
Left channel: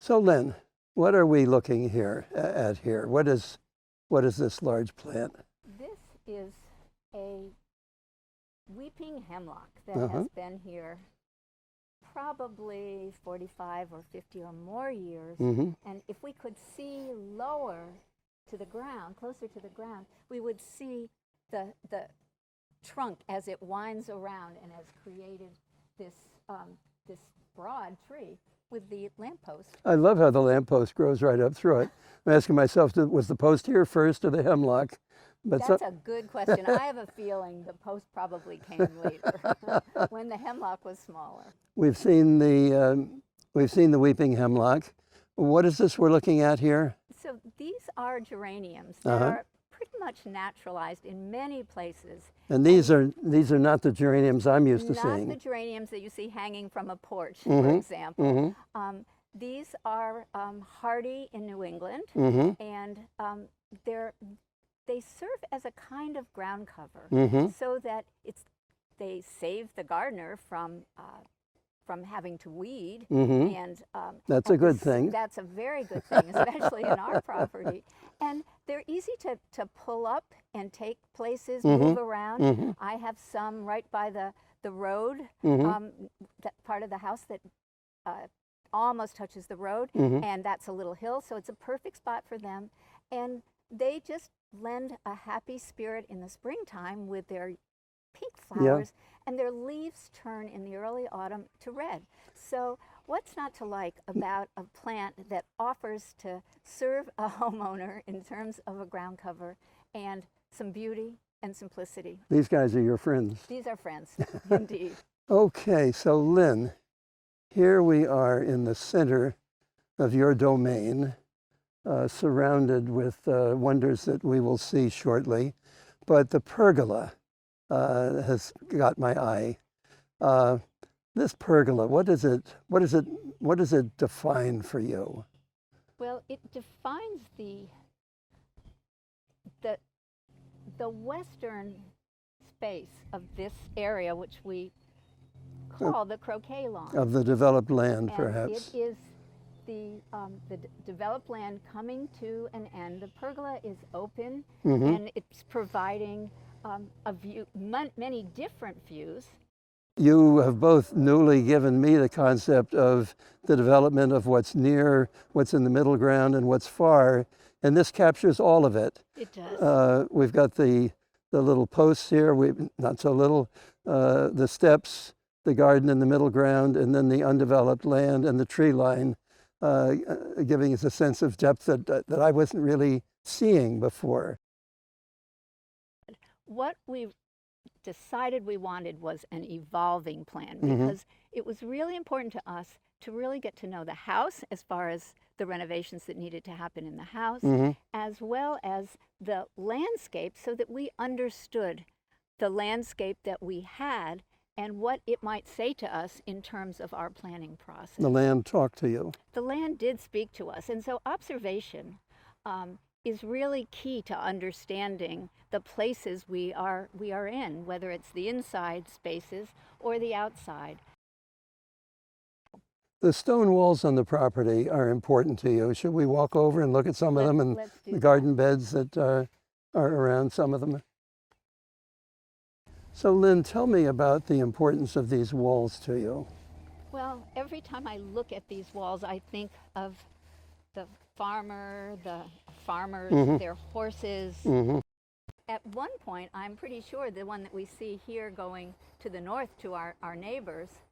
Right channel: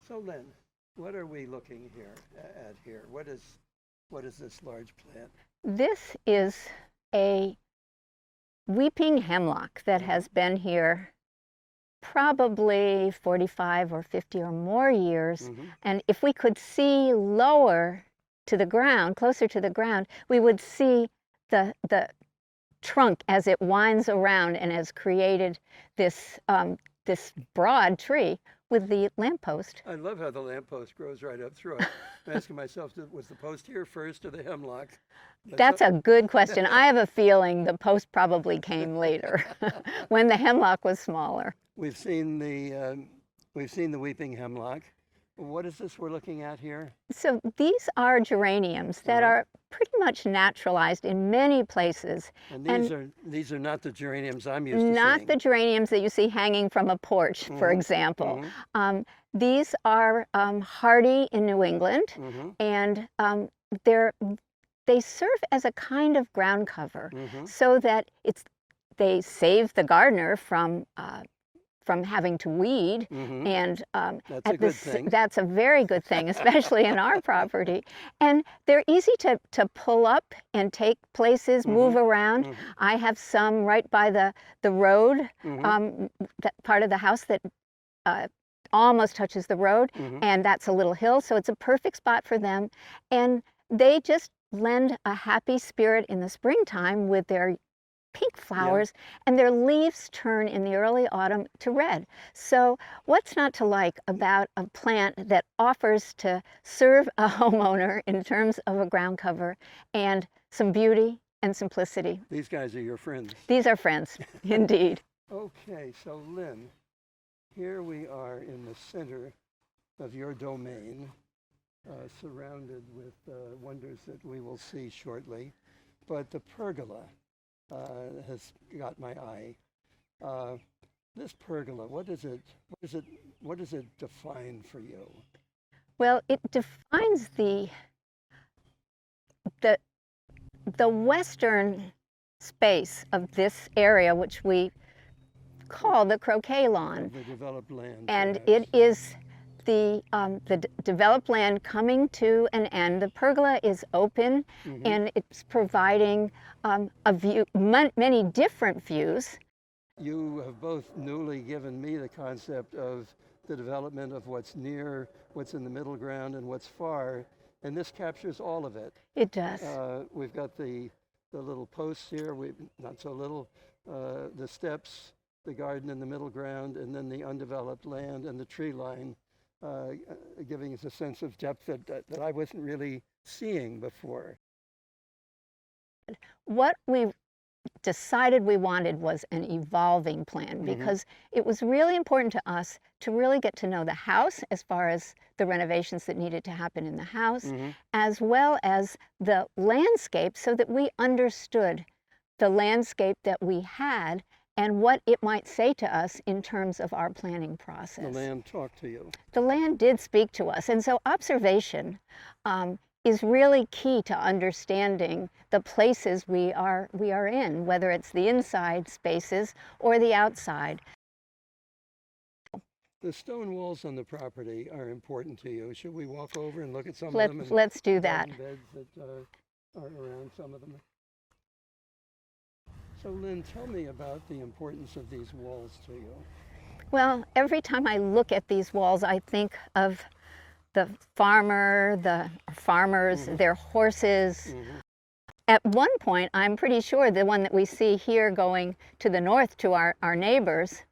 So Lynn, what are we looking at here? What is this large plant? This is a weeping hemlock that has been here probably 45 or 50 or more years. Mm-hmm. And if we could see lower to the ground, closer to the ground, we would see the trunk as it winds around and has created this broad tree with the lamppost. I love how the lamppost grows right up through it. I'm asking myself, was the post here first or the hemlock? That's a good question. I have a feeling the post probably came later, when the hemlock was smaller. We've seen the weeping hemlock, what is this we're looking at here? So these are geraniums that are pretty much naturalized in many places. And these are not the geraniums I'm used to seeing. Not the geraniums that you see hanging from a porch, for example. These are hardy in New England, and they serve as a kind of ground cover, so that they save the gardener from having to weed, and that's a good thing. That's a very good thing, especially in our property. And they're easy to pull up and take places, move around. I have some right by the road, that part of the house that almost touches the road, and that's a little hill, so it's a perfect spot for them. And they just lend a happy spirit in the springtime with their pink flowers, and their leaves turn in the early autumn to red. So what's not to like about a plant that offers to serve a homeowner in terms of a ground cover and some beauty and simplicity? These guys are your friends. These are friends, indeed. Okay, so Lynn, here we are in the center of your domain, surrounded with wonders that we will see shortly. But the pergola has got my eye. This pergola, what does it define for you? Well, it defines the western space of this area, which we call the croquet lawn. Of the developed land, and perhaps. it is the developed land coming to an end. The pergola is open, and it's providing a view, many different views. You have both newly given me the concept of the development of what's near, what's in the middle ground, and what's far, and this captures all of it. It does. We've got the little posts here, not so little, the steps, the garden in the middle ground, and then the undeveloped land and the tree line, giving us a sense of depth that I wasn't really seeing before. What we decided we wanted was an evolving plan, because it was really important to us to really get to know the house as far as the renovations that needed to happen in the house, as well as the landscape, so that we understood the landscape that we had and what it might say to us in terms of our planning process. The land talked to you. The land did speak to us, and so observation is really key to understanding the places we are in, whether it's the inside spaces or the outside. The stone walls on the property are important to you. Should we walk over and look at some of them, and let's do the that. garden beds that are around some of them? So Lynn, tell me about the importance of these walls to you. Well, every time I look at these walls, I think of the farmers, their horses. At one point, I'm pretty sure the one that we see here going to the north to our neighbors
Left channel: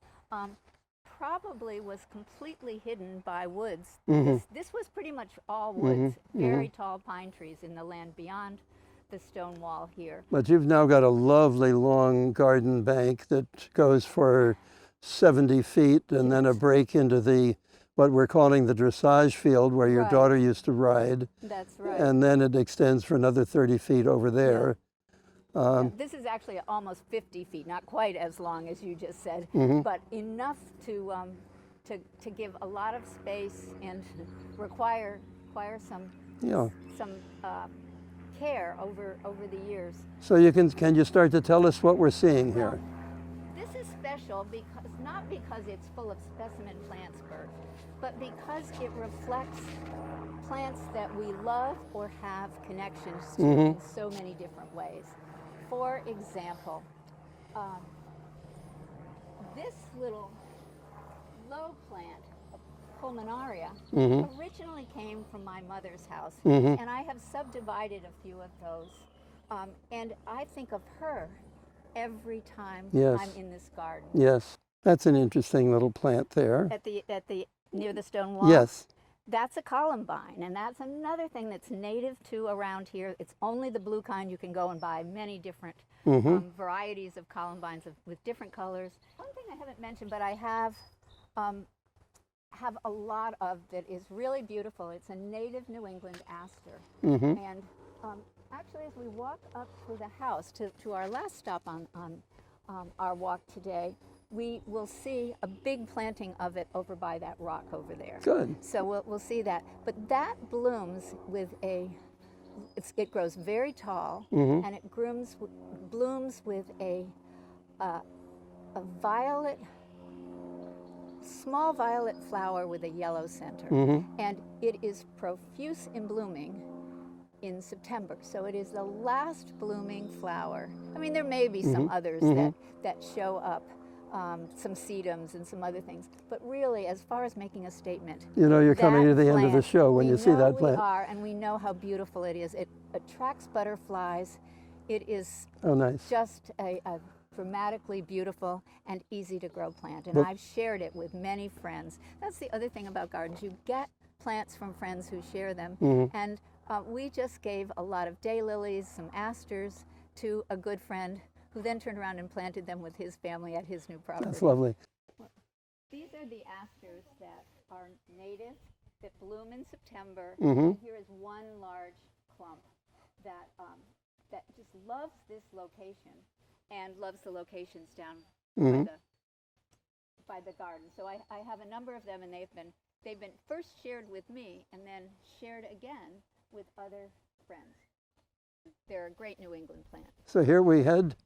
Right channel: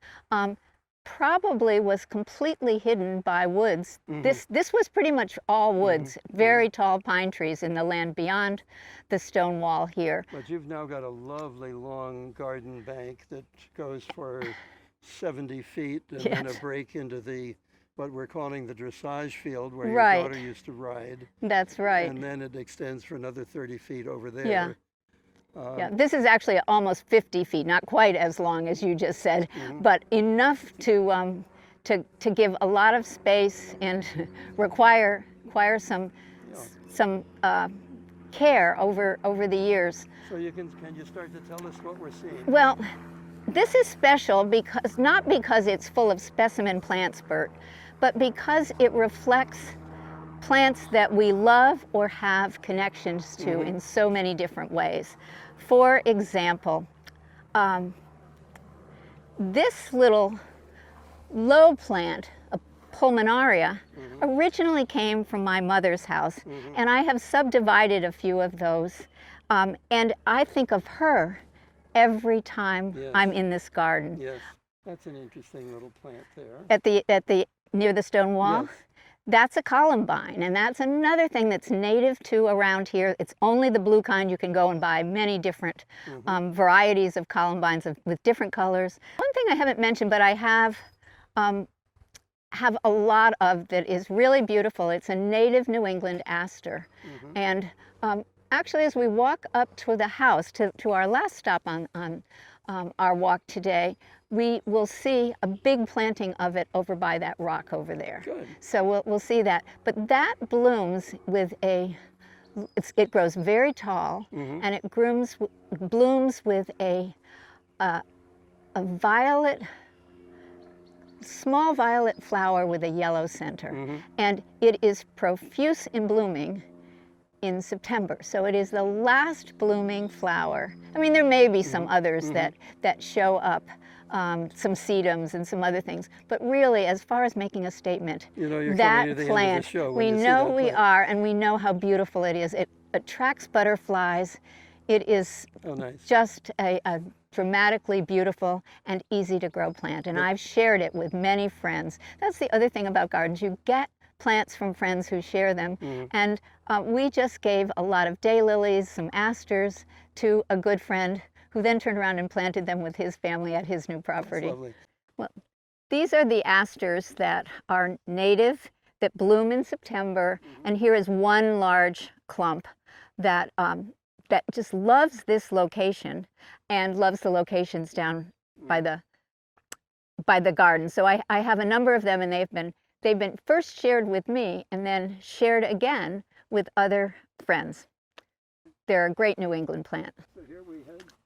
probably was completely hidden by woods. This was pretty much all woods, very tall pine trees in the land beyond the stone wall here. But you've now got a lovely long garden bank that goes for 70 feet, and then a break into what we're calling the dressage field, where your daughter used to ride. That's right. And then it extends for another 30 feet over there. This is actually almost 50 feet, not quite as long as you just said, but enough to give a lot of space and require some care over the years. So can you start to tell us what we're seeing? Well, here? This is special not because it's full of specimen plants, Bert, but because it reflects plants that we love or have connections to in so many different ways. For example, this little low plant, a pulmonaria, originally came from my mother's house, and I have subdivided a few of those, and I think of her every time I'm in this garden. Yes, that's an interesting little plant there. Near the stone wall? Yes. That's a columbine, and that's another thing that's native to around here. It's only the blue kind. You can go and buy many different varieties of columbines with different colors. One thing I haven't mentioned, but I have have a lot of that is really beautiful. It's a native New England aster. And actually, as we walk up to the house, to our last stop on our walk today, we will see a big planting of it over by that rock over there. Good. So we'll see that. But that blooms with it grows very tall, and it blooms with a violet, small violet flower with a yellow center. And it is profuse in blooming in September. So it is the last blooming flower. I mean, there may be some others that show up, some sedums and some other things. But really, as far as making a statement, you know you're coming to the end of the show when you see that plant. We know we are, and we know how beautiful it is. It attracts butterflies. It is just a dramatically beautiful and easy to grow plant. And I've shared it with many friends. That's the other thing about gardens. You get plants from friends who share them. And we just gave a lot of daylilies, some asters, to a good friend who then turned around and planted them with his family at his new property. That's lovely. Well, these are the asters that are native, that bloom in September. And here is one large clump that just loves this location and loves the locations down by the garden. So I have a number of them, and they've been first shared with me and then shared again with other friends. They're a great New England plant. So here we head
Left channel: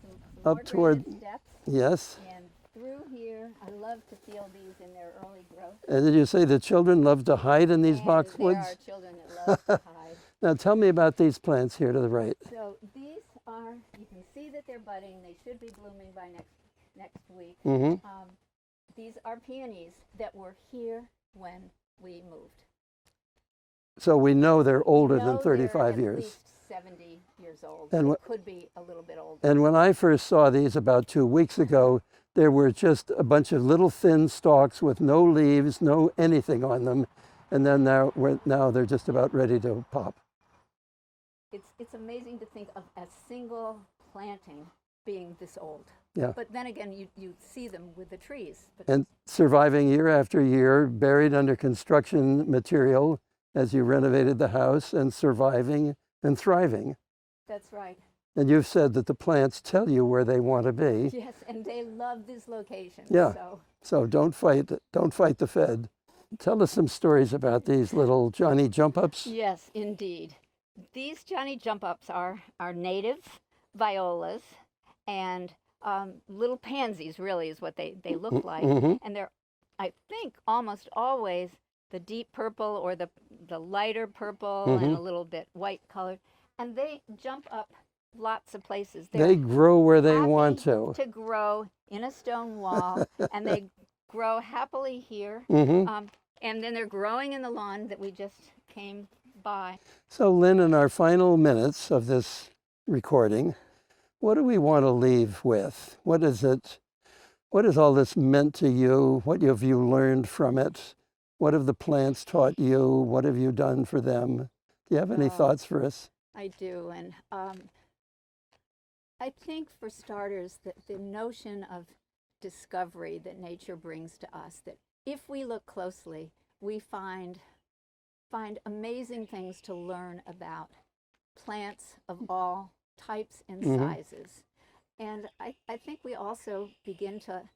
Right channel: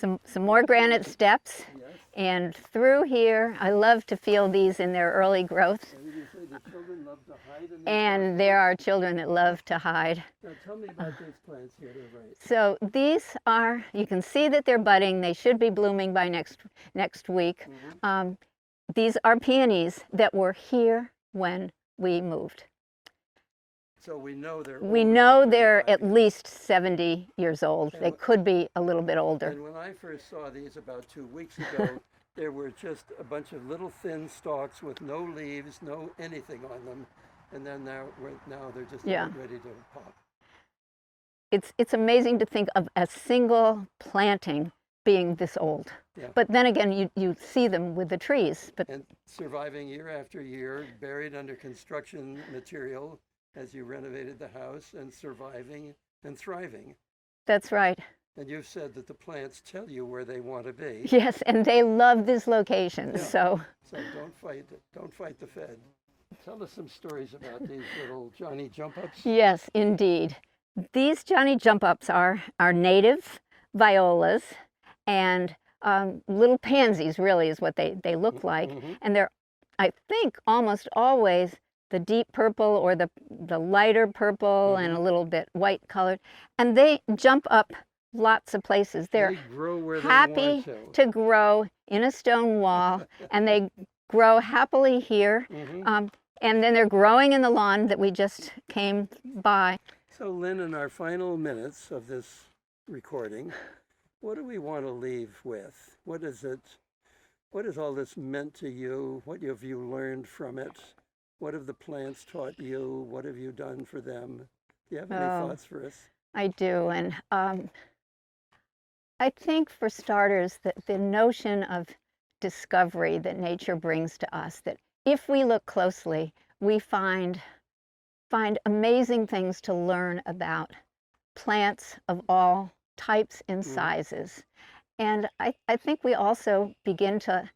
some more granite steps. Yes. And through here, I love to feel these in their early growth. And did you say the children love to hide in these boxwoods? And there are children that love to hide. Now tell me about these plants here to the right. So these are, you can see that they're budding. They should be blooming by next week. These are peonies that were here when we moved. So we know they're older We know than 35 they're at years. least 70 years old. And they could be a little bit older. And when I first saw these about 2 weeks ago, there were just a bunch of little thin stalks with no leaves, no anything on them. And then now they're just about ready to pop. It's amazing to think of a single planting being this old. Yeah. But then again, you see them with the trees. And surviving year after year, buried under construction material as you renovated the house, and surviving and thriving. That's right. And you've said that the plants tell you where they want to be. Yes, and they love this location. Yeah. So don't fight the Fed. Tell us some stories about these little Johnny jump-ups. Yes, indeed. These Johnny jump-ups are native violas, and little pansies really is what they look like. And they're, I think, almost always the deep purple or the lighter purple and a little bit white colored. And they jump up lots of places. They grow where they want to grow in a stone wall, and they grow happily here. And then they're growing in the lawn that we just came by. So Lynn, in our final minutes of this recording, what do we want to leave with? What is it? What has all this meant to you? What have you learned from it? What have the plants taught you? What have you done for them? Do you have any thoughts for us? I do, and I think for starters that the notion of discovery that nature brings to us, that if we look closely, we find amazing things to learn about plants of all types and sizes. And I think we also begin to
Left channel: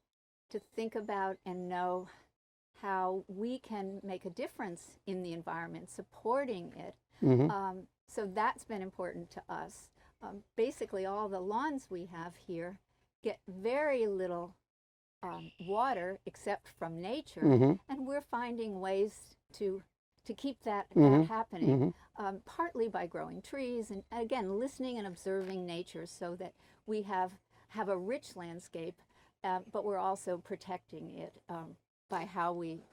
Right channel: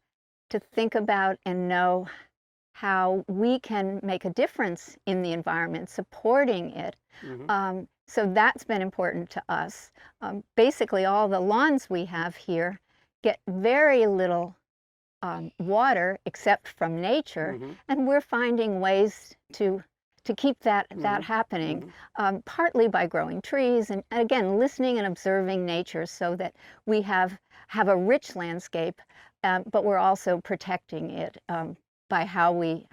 think about and know how we can make a difference in the environment, supporting it. So that's been important to us. Basically, all the lawns we have here get very little water except from nature, and we're finding ways to keep that happening, partly by growing trees and again listening and observing nature, so that we have a rich landscape, but we're also protecting it by how we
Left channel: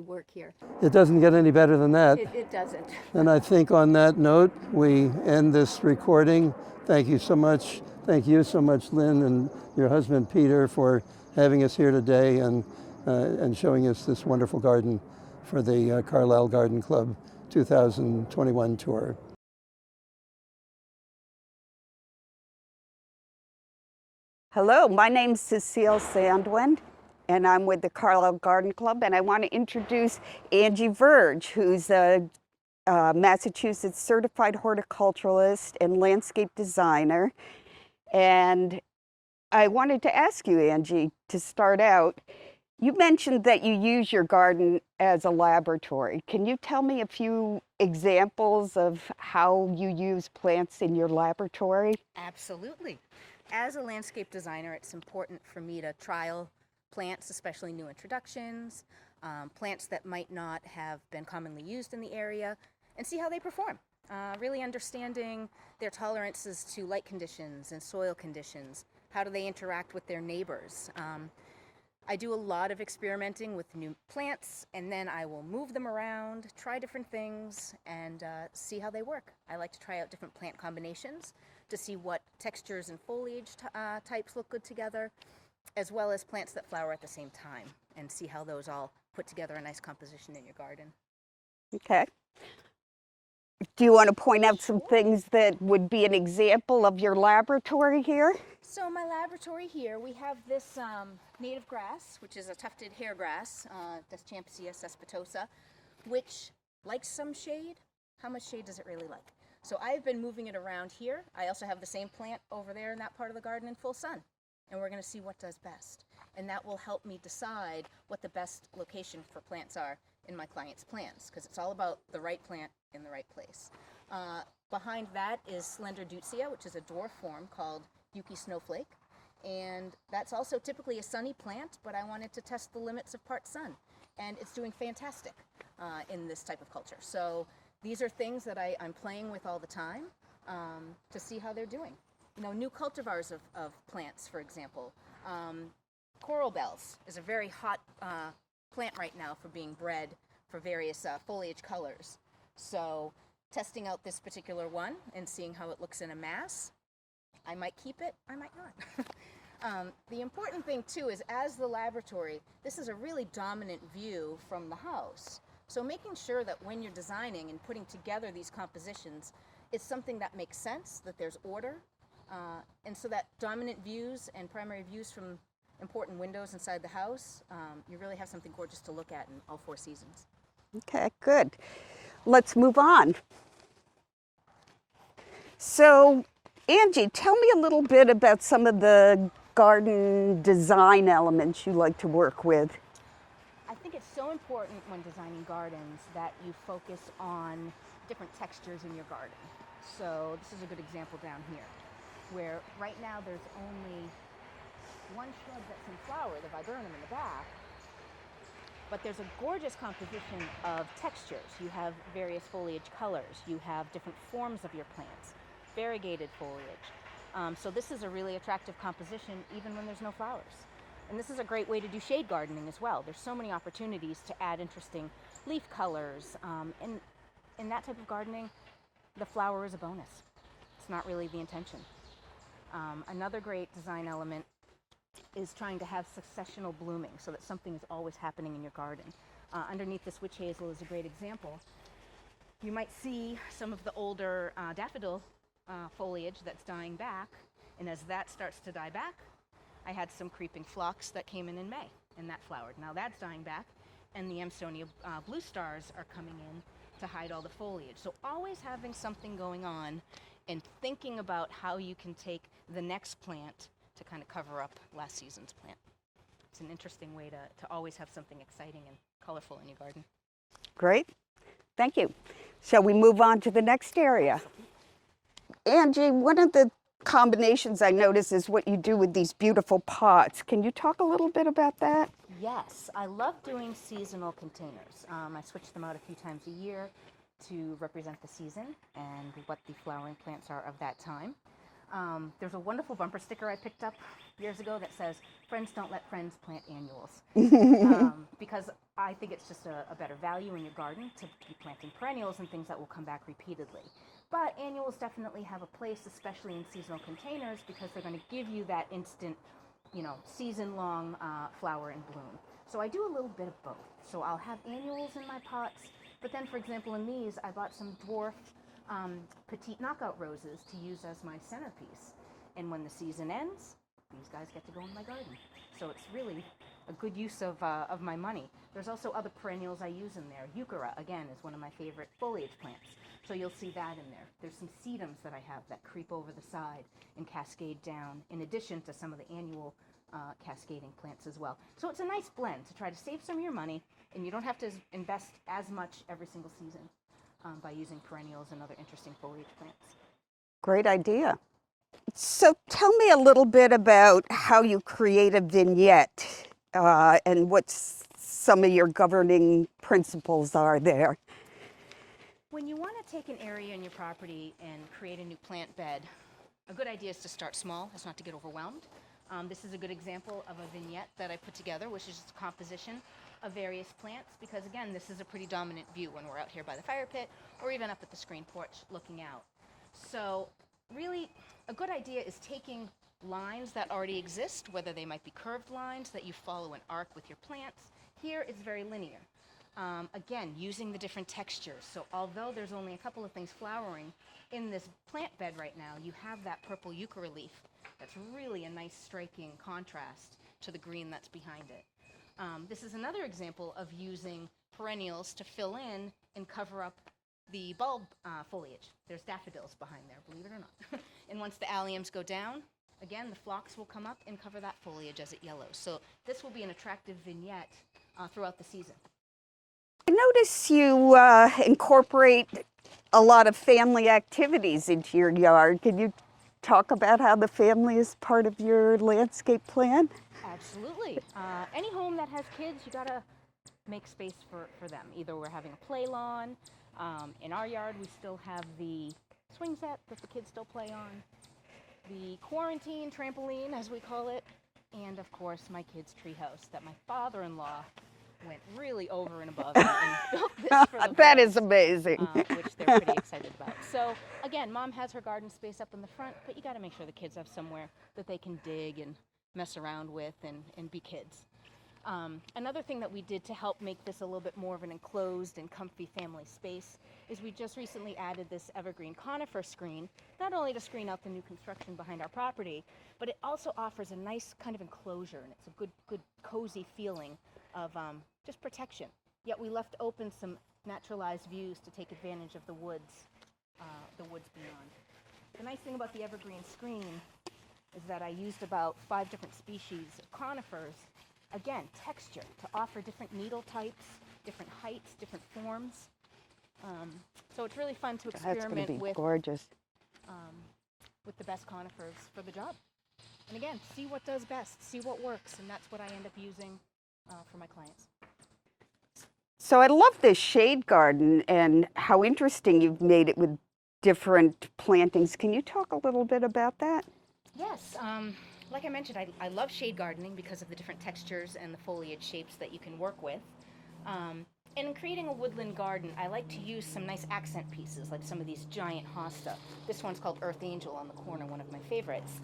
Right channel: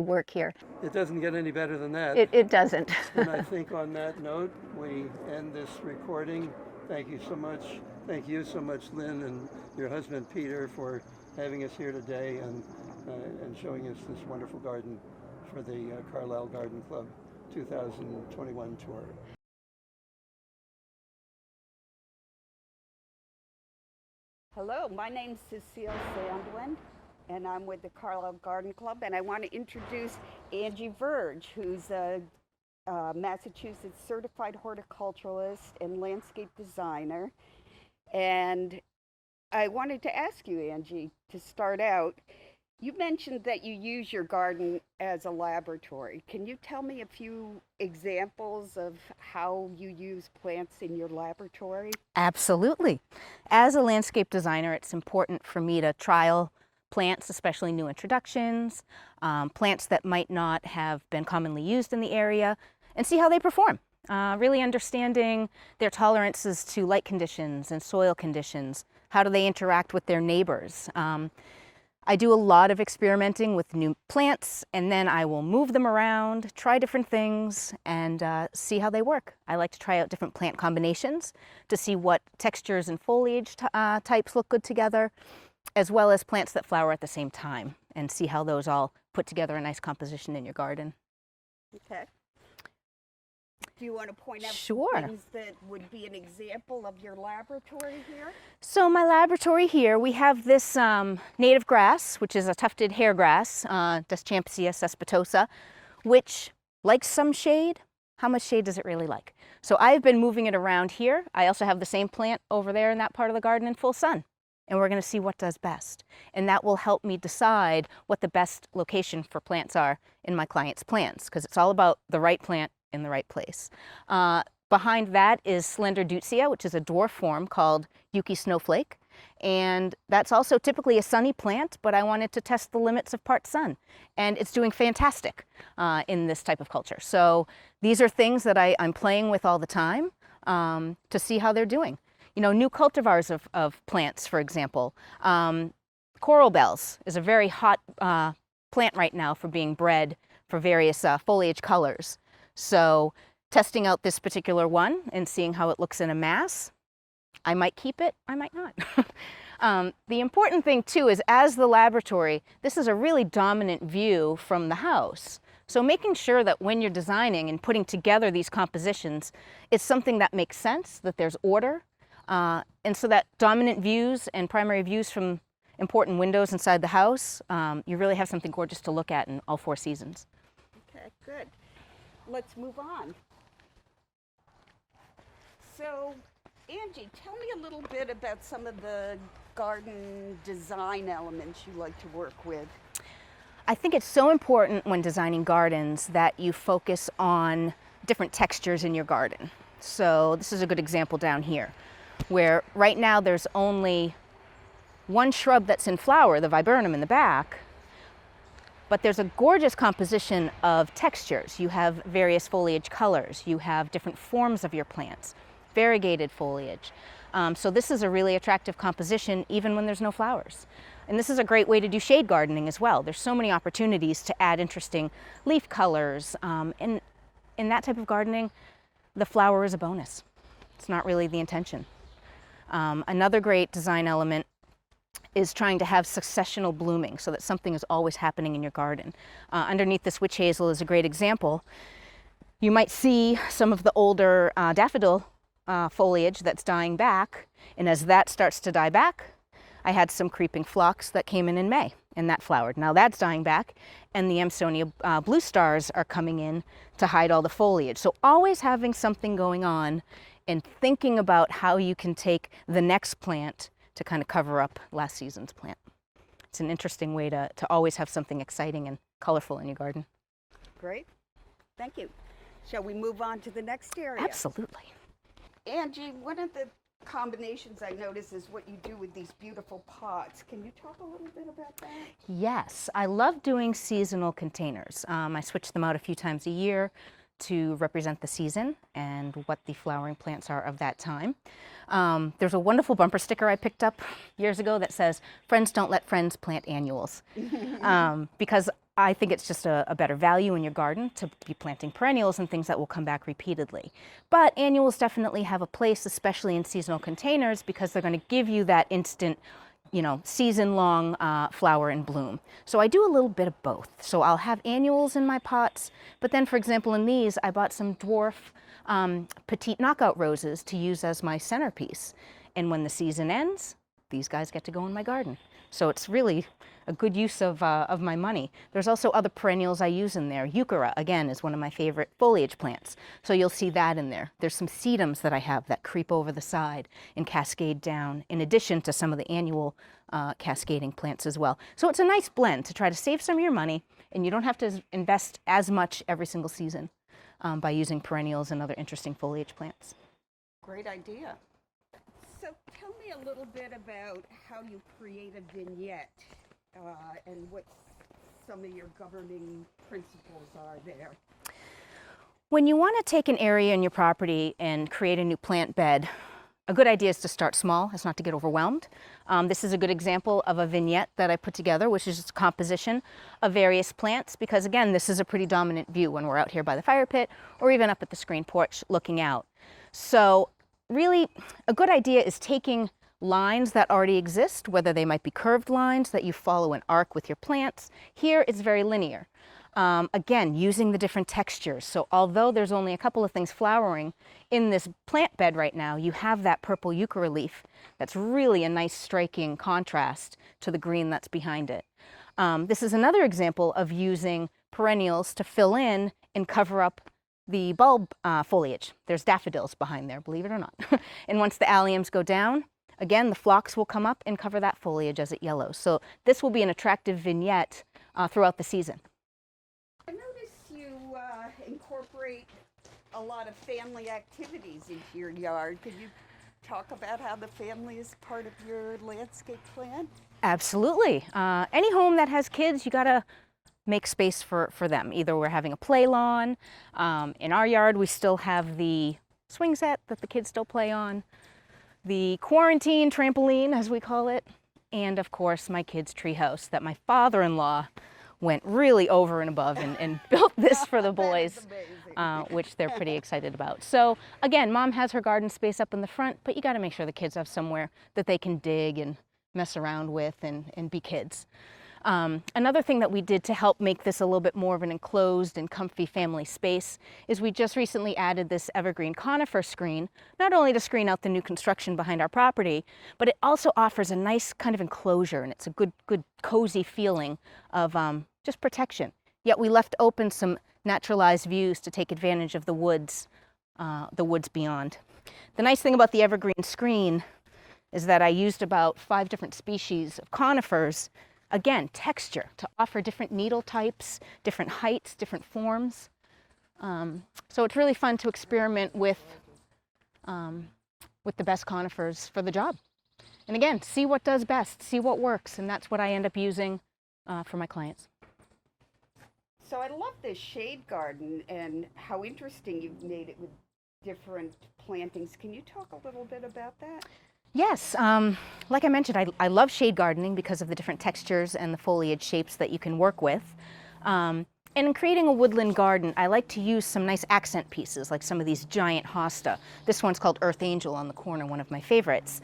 work here. It doesn't get any better than that. It doesn't. And I think on that note, we end this recording. Thank you so much. Thank you so much, Lynn, and your husband, Peter, for having us here today and showing us this wonderful garden for the Carlisle Garden Club 2021 tour. Hello, my name's Cecile Sandwen, and I'm with the Carlisle Garden Club, and I want to introduce Angie Verge, who's a Massachusetts certified horticulturalist and landscape designer. And I wanted to ask you, Angie, to start out, you mentioned that you use your garden as a laboratory. Can you tell me a few examples of how you use plants in your laboratory? Absolutely. As a landscape designer, it's important for me to trial plants, especially new introductions, plants that might not have been commonly used in the area, and see how they perform. Really understanding their tolerances to light conditions and soil conditions. How do they interact with their neighbors? I do a lot of experimenting with new plants, and then I will move them around, try different things, and see how they work. I like to try out different plant combinations to see what textures and foliage types look good together, as well as plants that flower at the same time, and see how those all put together a nice composition in your garden. Okay. Do you want to point out some Sure. things that would be an example of your laboratory here? So my laboratory here, we have this native grass, which is a tufted hair grass, Deschampsia cespitosa, which likes some shade. How much shade does it really like? So I've been moving it around here. I also have the same plant over there in that part of the garden in full sun. And we're going to see what does best. And that will help me decide what the best location for plants are in my client's plants, because it's all about the right plant in the right place. Behind that is Slender Deutzia, which is a dwarf form called Yuki Snowflake. And that's also typically a sunny plant, but I wanted to test the limits of part sun. And it's doing fantastic in this type of culture. So these are things that I'm playing with all the time to see how they're doing. You know, new cultivars of plants, for example. Coral bells is a very hot plant right now for being bred for various foliage colors. So testing out this particular one and seeing how it looks in a mass, I might keep it, I might not. The important thing too is, as the laboratory, this is a really dominant view from the house. So making sure that when you're designing and putting together these compositions, it's something that makes sense, that there's order, and so that dominant views and primary views from important windows inside the house, you really have something gorgeous to look at in all 4 seasons. Okay, good. Let's move on. So, Angie, tell me a little bit about some of the garden design elements you like to work with. I think it's so important when designing gardens that you focus on different textures in your garden. So this is a good example down here, where right now there's only one shrub that's in flower, the viburnum in the back, but there's a gorgeous composition of textures. You have various foliage colors, you have different forms of your plants, variegated foliage. So this is a really attractive composition even when there's no flowers. And this is a great way to do shade gardening as well. There's so many opportunities to add interesting leaf colors. And in that type of gardening, the flower is a bonus. It's not really the intention. Another great design element is trying to have successional blooming so that something is always happening in your garden. Underneath this witch hazel is a great example. You might see some of the older daffodil foliage that's dying back, and as that starts to die back, I had some creeping phlox that came in May, and that flowered. Now that's dying back, and the Amsonia blue stars are coming in to hide all the foliage. So always having something going on and thinking about how you can take the next plant to kind of cover up last season's plant. It's an interesting way to always have something exciting and colorful in your garden. Great, thank you. Shall we move on to the next area? Absolutely. Angie, one of the combinations I notice is what you do with these beautiful pots. Can you talk a little bit about that? Yes, I love doing seasonal containers. I switch them out a few times a year to represent the season and what the flowering plants are of that time. There's a wonderful bumper sticker I picked up years ago that says, "Friends don't let friends plant annuals," because I think it's just a better value in your garden to be planting perennials and things that will come back repeatedly. But annuals definitely have a place, especially in seasonal containers, because they're going to give you that instant, you know, season-long flower and bloom. So I do a little bit of both. So I'll have annuals in my pots, but then, for example, in these, I bought some dwarf petite knockout roses to use as my centerpiece. And when the season ends, these guys get to go in my garden. So it's really a good use of my money. There's also other perennials I use in there. Euchera, again, is one of my favorite foliage plants. So you'll see that in there. There's some sedums that I have that creep over the side and cascade down, in addition to some of the annual cascading plants as well. So it's a nice blend to try to save some of your money, and you don't have to invest as much every single season by using perennials and other interesting foliage plants. Great idea. So tell me a little bit about how you create a vignette and what some of your governing principles are there. When you want to take an area in your property and create a new plant bed, a good idea is to start small, it's not to get overwhelmed. This is a good example of a vignette that I put together, which is just a composition of various plants, because again, this is a pretty dominant view when we're out here by the fire pit or even up at the screen porch looking out. So really, a good idea is taking lines that already exist, whether they might be curved lines that you follow an arc with your plants. Here it's very linear. Again, using the different textures. So although there's only a couple of things flowering in this plant bed right now, you have that purple euchera leaf that's really a nice striking contrast to the green that's behind it. This is another example of using perennials to fill in and cover up the bulb foliage. There's daffodils behind there, believe it or not. And once the alliums go down, again, the phlox will come up and cover that foliage as it yellows. So this will be an attractive vignette throughout the season. I notice you incorporate a lot of family activities into your yard. Can you talk about how the family is part of your landscape plan? Absolutely. Any home that has kids, you gotta make space for them. Either we're having a play lawn. In our yard, we still have the swing set that the kids still play on, the quarantine trampoline, as we call it, and of course, my kids' treehouse that my father-in-law went really over and above and built this for the boys. That is amazing. Which they're pretty excited about. So again, Mom has her garden space up in the front, but you got to make sure the kids have somewhere that they can dig and mess around with and be kids. Another thing that we did to help make this a little bit more of an enclosed and comfy family space is we just recently added this evergreen conifer screen, not only to screen out the new construction behind our property, but it also offers a nice kind of enclosure, and it's a good cozy feeling of just protection. Yet we left open some naturalized views to take advantage of the woods beyond. The nice thing about the evergreen screen is that I used about 5 different species of conifers. Again, texture to offer different needle types, different heights, different forms. So it's really fun to experiment with the best conifers for the job. And again, see what does best, see what works, and that's what I end up using for my clients. So I love this shade garden and how interesting you've made it with different plantings. Can you talk a little bit about that? Yes, like I mentioned, I love shade gardening because of the different textures and the foliage shapes that you can work with. And in creating a woodland garden, I like to use some nice accent pieces, like some of these giant hosta. This one's called Earth Angel on the corner, one of my favorites.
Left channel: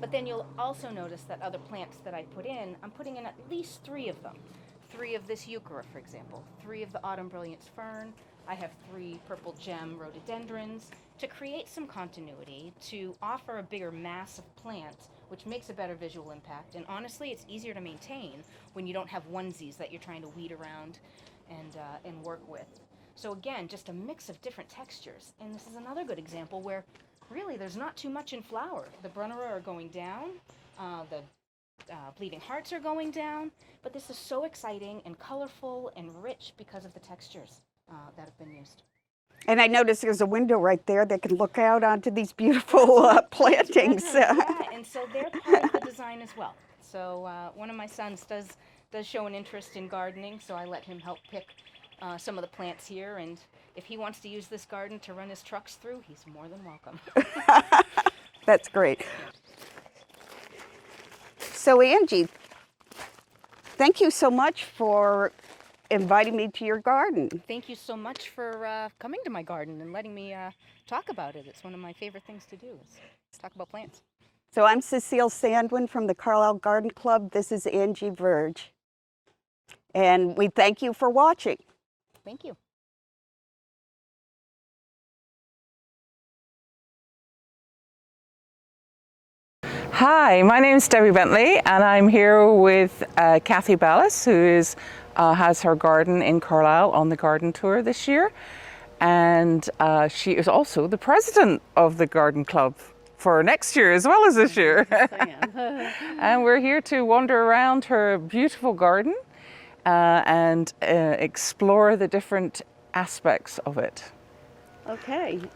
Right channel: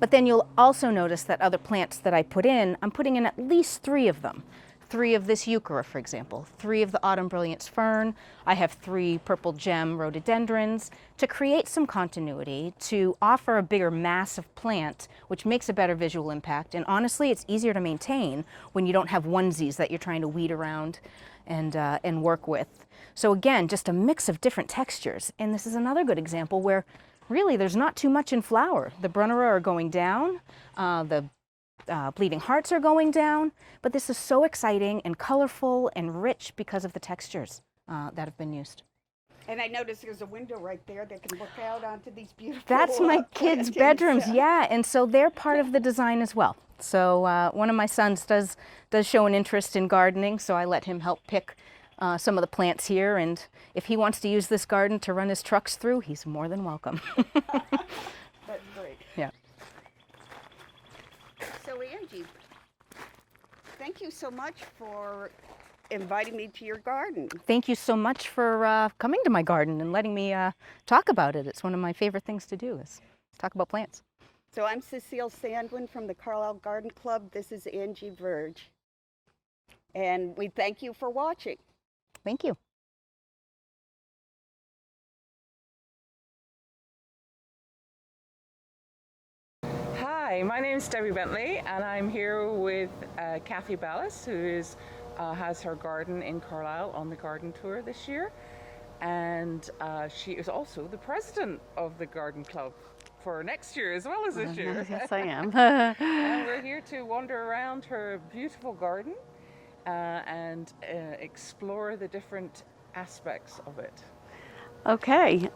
But then you'll also notice that other plants that I put in, I'm putting in at least 3 of them. 3 of this euchera, for example, 3 of the autumn brilliance fern. I have 3 purple gem rhododendrons to create some continuity, to offer a bigger mass of plant, which makes a better visual impact. And honestly, it's easier to maintain when you don't have onesies that you're trying to weed around and work with. So again, just a mix of different textures. And this is another good example where really there's not too much in flower. The Brunnera are going down, the bleeding hearts are going down, but this is so exciting and colorful and rich because of the textures that have been used. And I noticed there's a window right there that can look out onto these beautiful Kids' plantings. bedrooms, yeah, and so they're part of the design as well. So one of my sons does show an interest in gardening, so I let him help pick some of the plants here, and if he wants to use this garden to run his trucks through, he's more than welcome. That's great. Yeah. So Angie, thank you so much for inviting me to your garden. Thank you so much for coming to my garden and letting me talk about it. It's one of my favorite things to do is talk about plants. So I'm Cecile Sandwen from the Carlisle Garden Club. This is Angie Verge. And we thank you for watching. Thank you. Hi, my name is Debbie Bentley, and I'm here with Kathy Ballas, who has her garden in Carlisle on the garden tour this year. And she is also the president of the garden club for next year as well as this year. Yes, I am. And we're here to wander around her beautiful garden and explore the different aspects of it. Okay.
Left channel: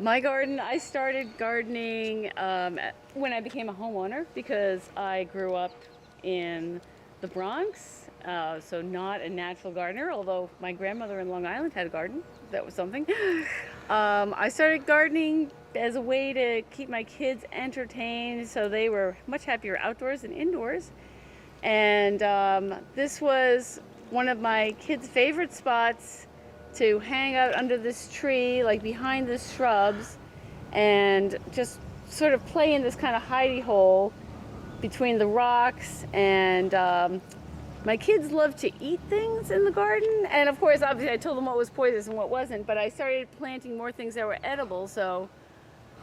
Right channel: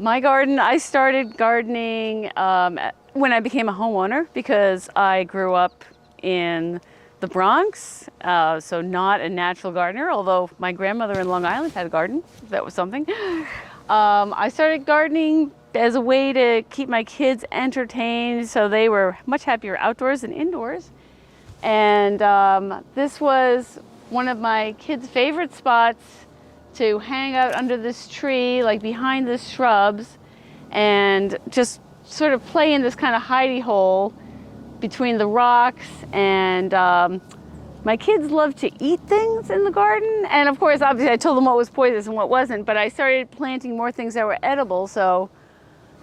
My garden, I started gardening when I became a homeowner because I grew up in the Bronx, so not a natural gardener, although my grandmother in Long Island had a garden. That was something. I started gardening as a way to keep my kids entertained, so they were much happier outdoors than indoors. And this was one of my kids' favorite spots to hang out under this tree, like behind the shrubs, and just sort of play in this kind of hidey hole between the rocks. And my kids love to eat things in the garden. And of course, obviously I told them what was poisonous and what wasn't, but I started planting more things that were edible. So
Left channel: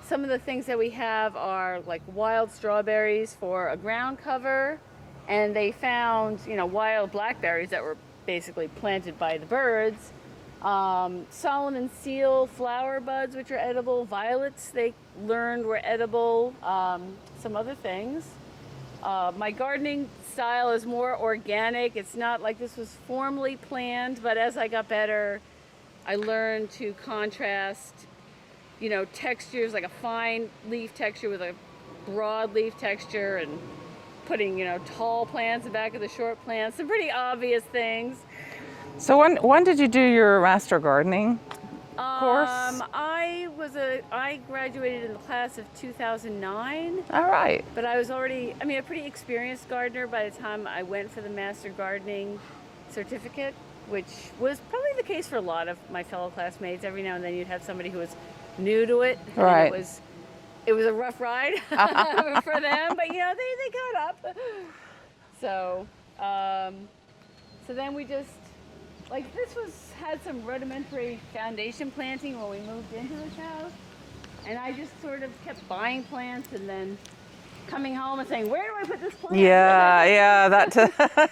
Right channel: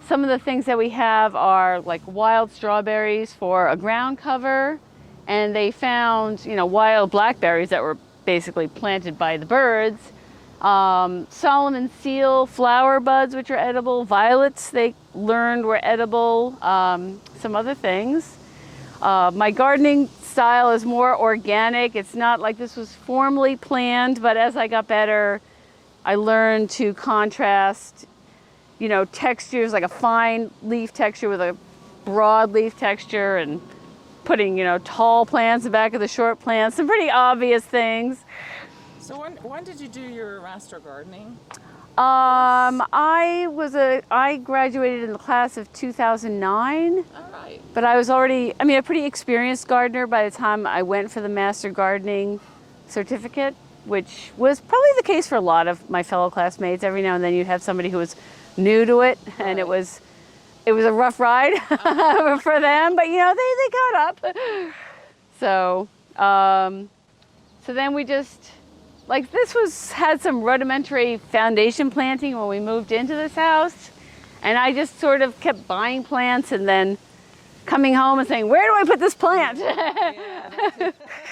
some of the things that we have are like wild strawberries for a ground cover. And they found, wild blackberries that were basically planted by the birds. Solomon seal flower buds, which are edible. Violets, they learned were edible. Some other things. My gardening style is more organic. It's not like this was formally planned, but as I got better, I learned to contrast, textures, like a fine leaf texture with a broad leaf texture, and putting, tall plants in the back of the short plants, some pretty obvious things. So when did you do your master gardening course? I graduated in the class of 2009. All right. But I was already, a pretty experienced gardener by the time I went for the master gardening certificate, which was probably the case for a lot of my fellow classmates. Every now and then you'd have somebody who was new to it, and right. it was a rough ride for them, but they got up. So then we just, had some rudimentary foundation planting when we moved into this house. And I just sort of kept buying plants and then coming home and saying, where do I put this plant? Yeah, that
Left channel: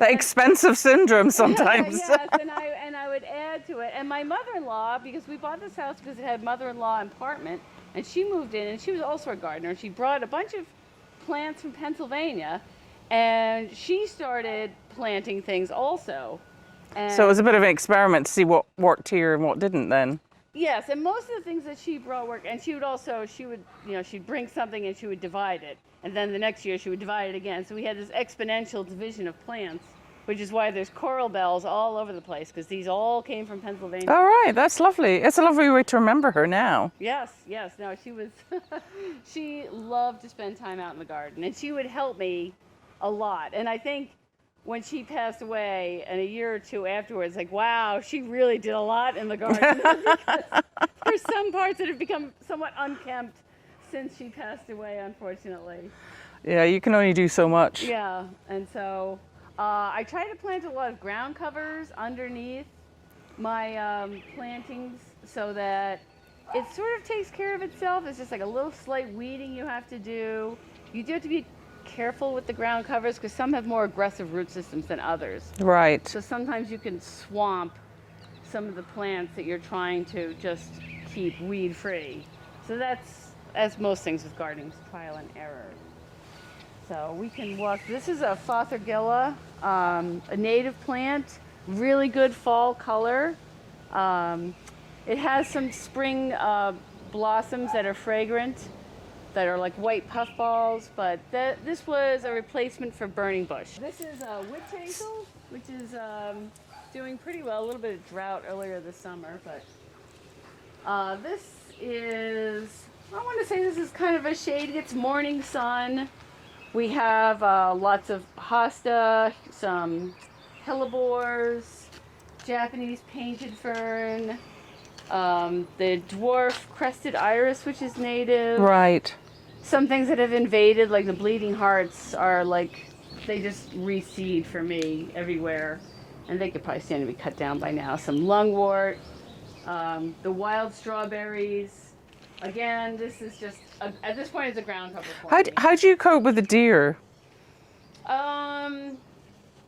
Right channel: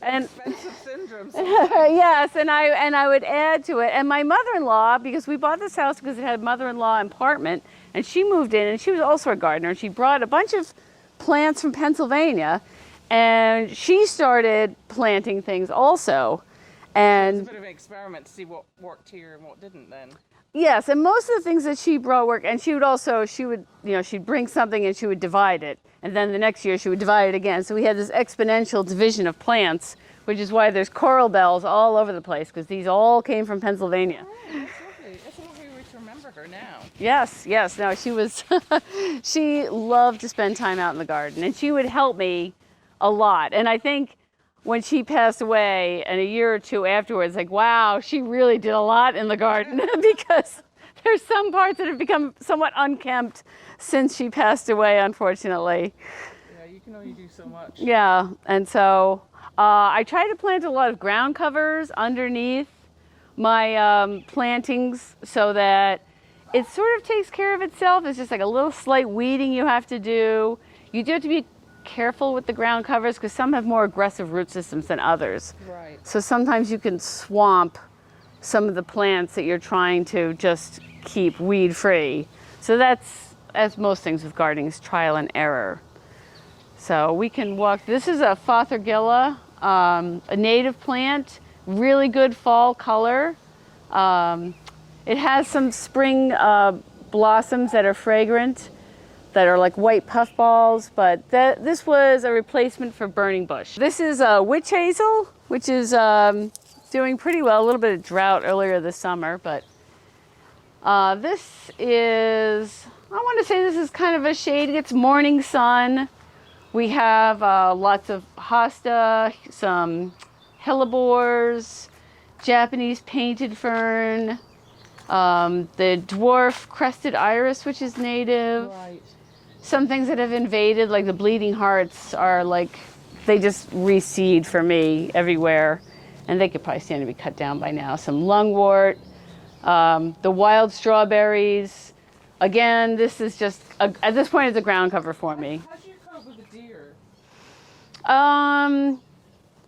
expensive syndrome sometimes. Yes, and I would add to it. And my mother-in-law, because we bought this house because it had a mother-in-law apartment, and she moved in, and she was also a gardener, and she brought a bunch of plants from Pennsylvania, and she started planting things also. And so it was a bit of an experiment to see what worked here and what didn't then. Yes, and most of the things that she brought work, and she'd bring something and she would divide it, and then the next year she would divide it again. So we had this exponential division of plants, which is why there's coral bells all over the place, because these all came from Pennsylvania. All right, that's lovely. It's a lovely way to remember her now. Yes. No, she was, she loved to spend time out in the garden, and she would help me a lot. And I think when she passed away, and a year or two afterwards, wow, she really did a lot in the garden, because there's some parts that have become somewhat unkempt since she passed away, unfortunately. Yeah, you can only do so much. Yeah, and so I try to plant a lot of ground covers underneath my plantings so that it sort of takes care of itself. It's just like a little slight weeding you have to do. You do have to be careful with the ground covers because some have more aggressive root systems than others. Right. So sometimes you can swamp some of the plants that you're trying to just keep weed free. So that's, as most things with gardening, is trial and error. So we can walk. This is a Fothergilla, a native plant, really good fall color. It has some spring blossoms that are fragrant, that are like white puffballs, but this was a replacement for burning bush. This is a witch hazel, which is doing pretty well. A little bit of drought earlier this summer, but this is, I want to say this is kind of a shade. It's morning sun. We have lots of hosta, some hellebores, Japanese painted fern, the dwarf crested iris, which is native. Right. Some things that have invaded, like the bleeding hearts, are they just reseed for me everywhere. And they could probably stand to be cut down by now. Some lungwort, the wild strawberries, again, this is just, at this point, it's a ground cover for me. How do you cope with the deer?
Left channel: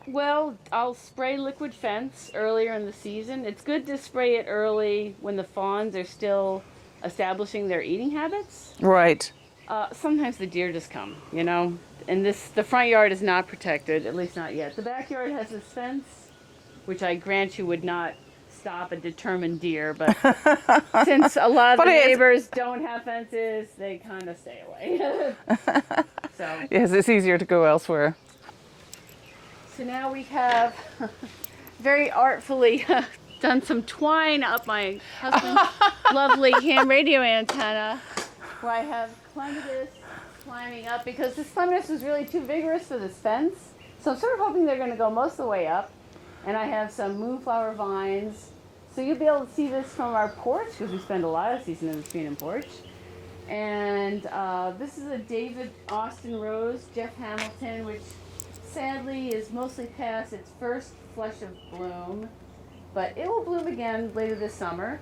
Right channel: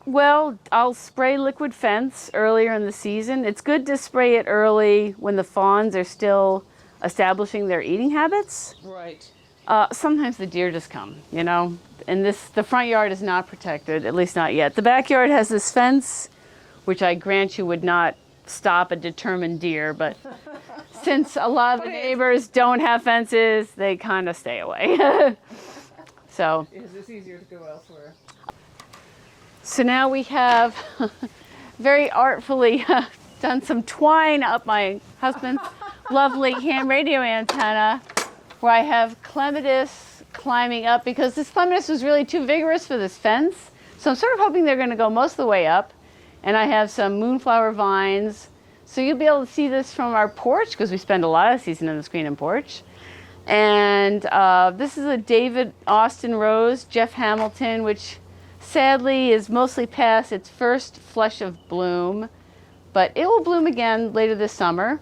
Well, I'll spray liquid fence earlier in the season. It's good to spray it early when the fawns are still establishing their eating habits. Right. Sometimes the deer just come, you know, and the front yard is not protected, at least not yet. The backyard has this fence, which I grant you would not stop a determined deer, but since a lot of the neighbors don't have fences, they kind of stay away. So yes, it's easier to go elsewhere. So now we have very artfully done some twine up my husband's lovely ham radio antenna, where I have clematis climbing up, because this clematis was really too vigorous for this fence. So I'm sort of hoping they're going to go most of the way up. And I have some moonflower vines. So you'll be able to see this from our porch, because we spend a lot of the season on the screen and porch. And this is a David Austin rose, Jeff Hamilton, which sadly is mostly past its first flush of bloom, but it will bloom again later this summer.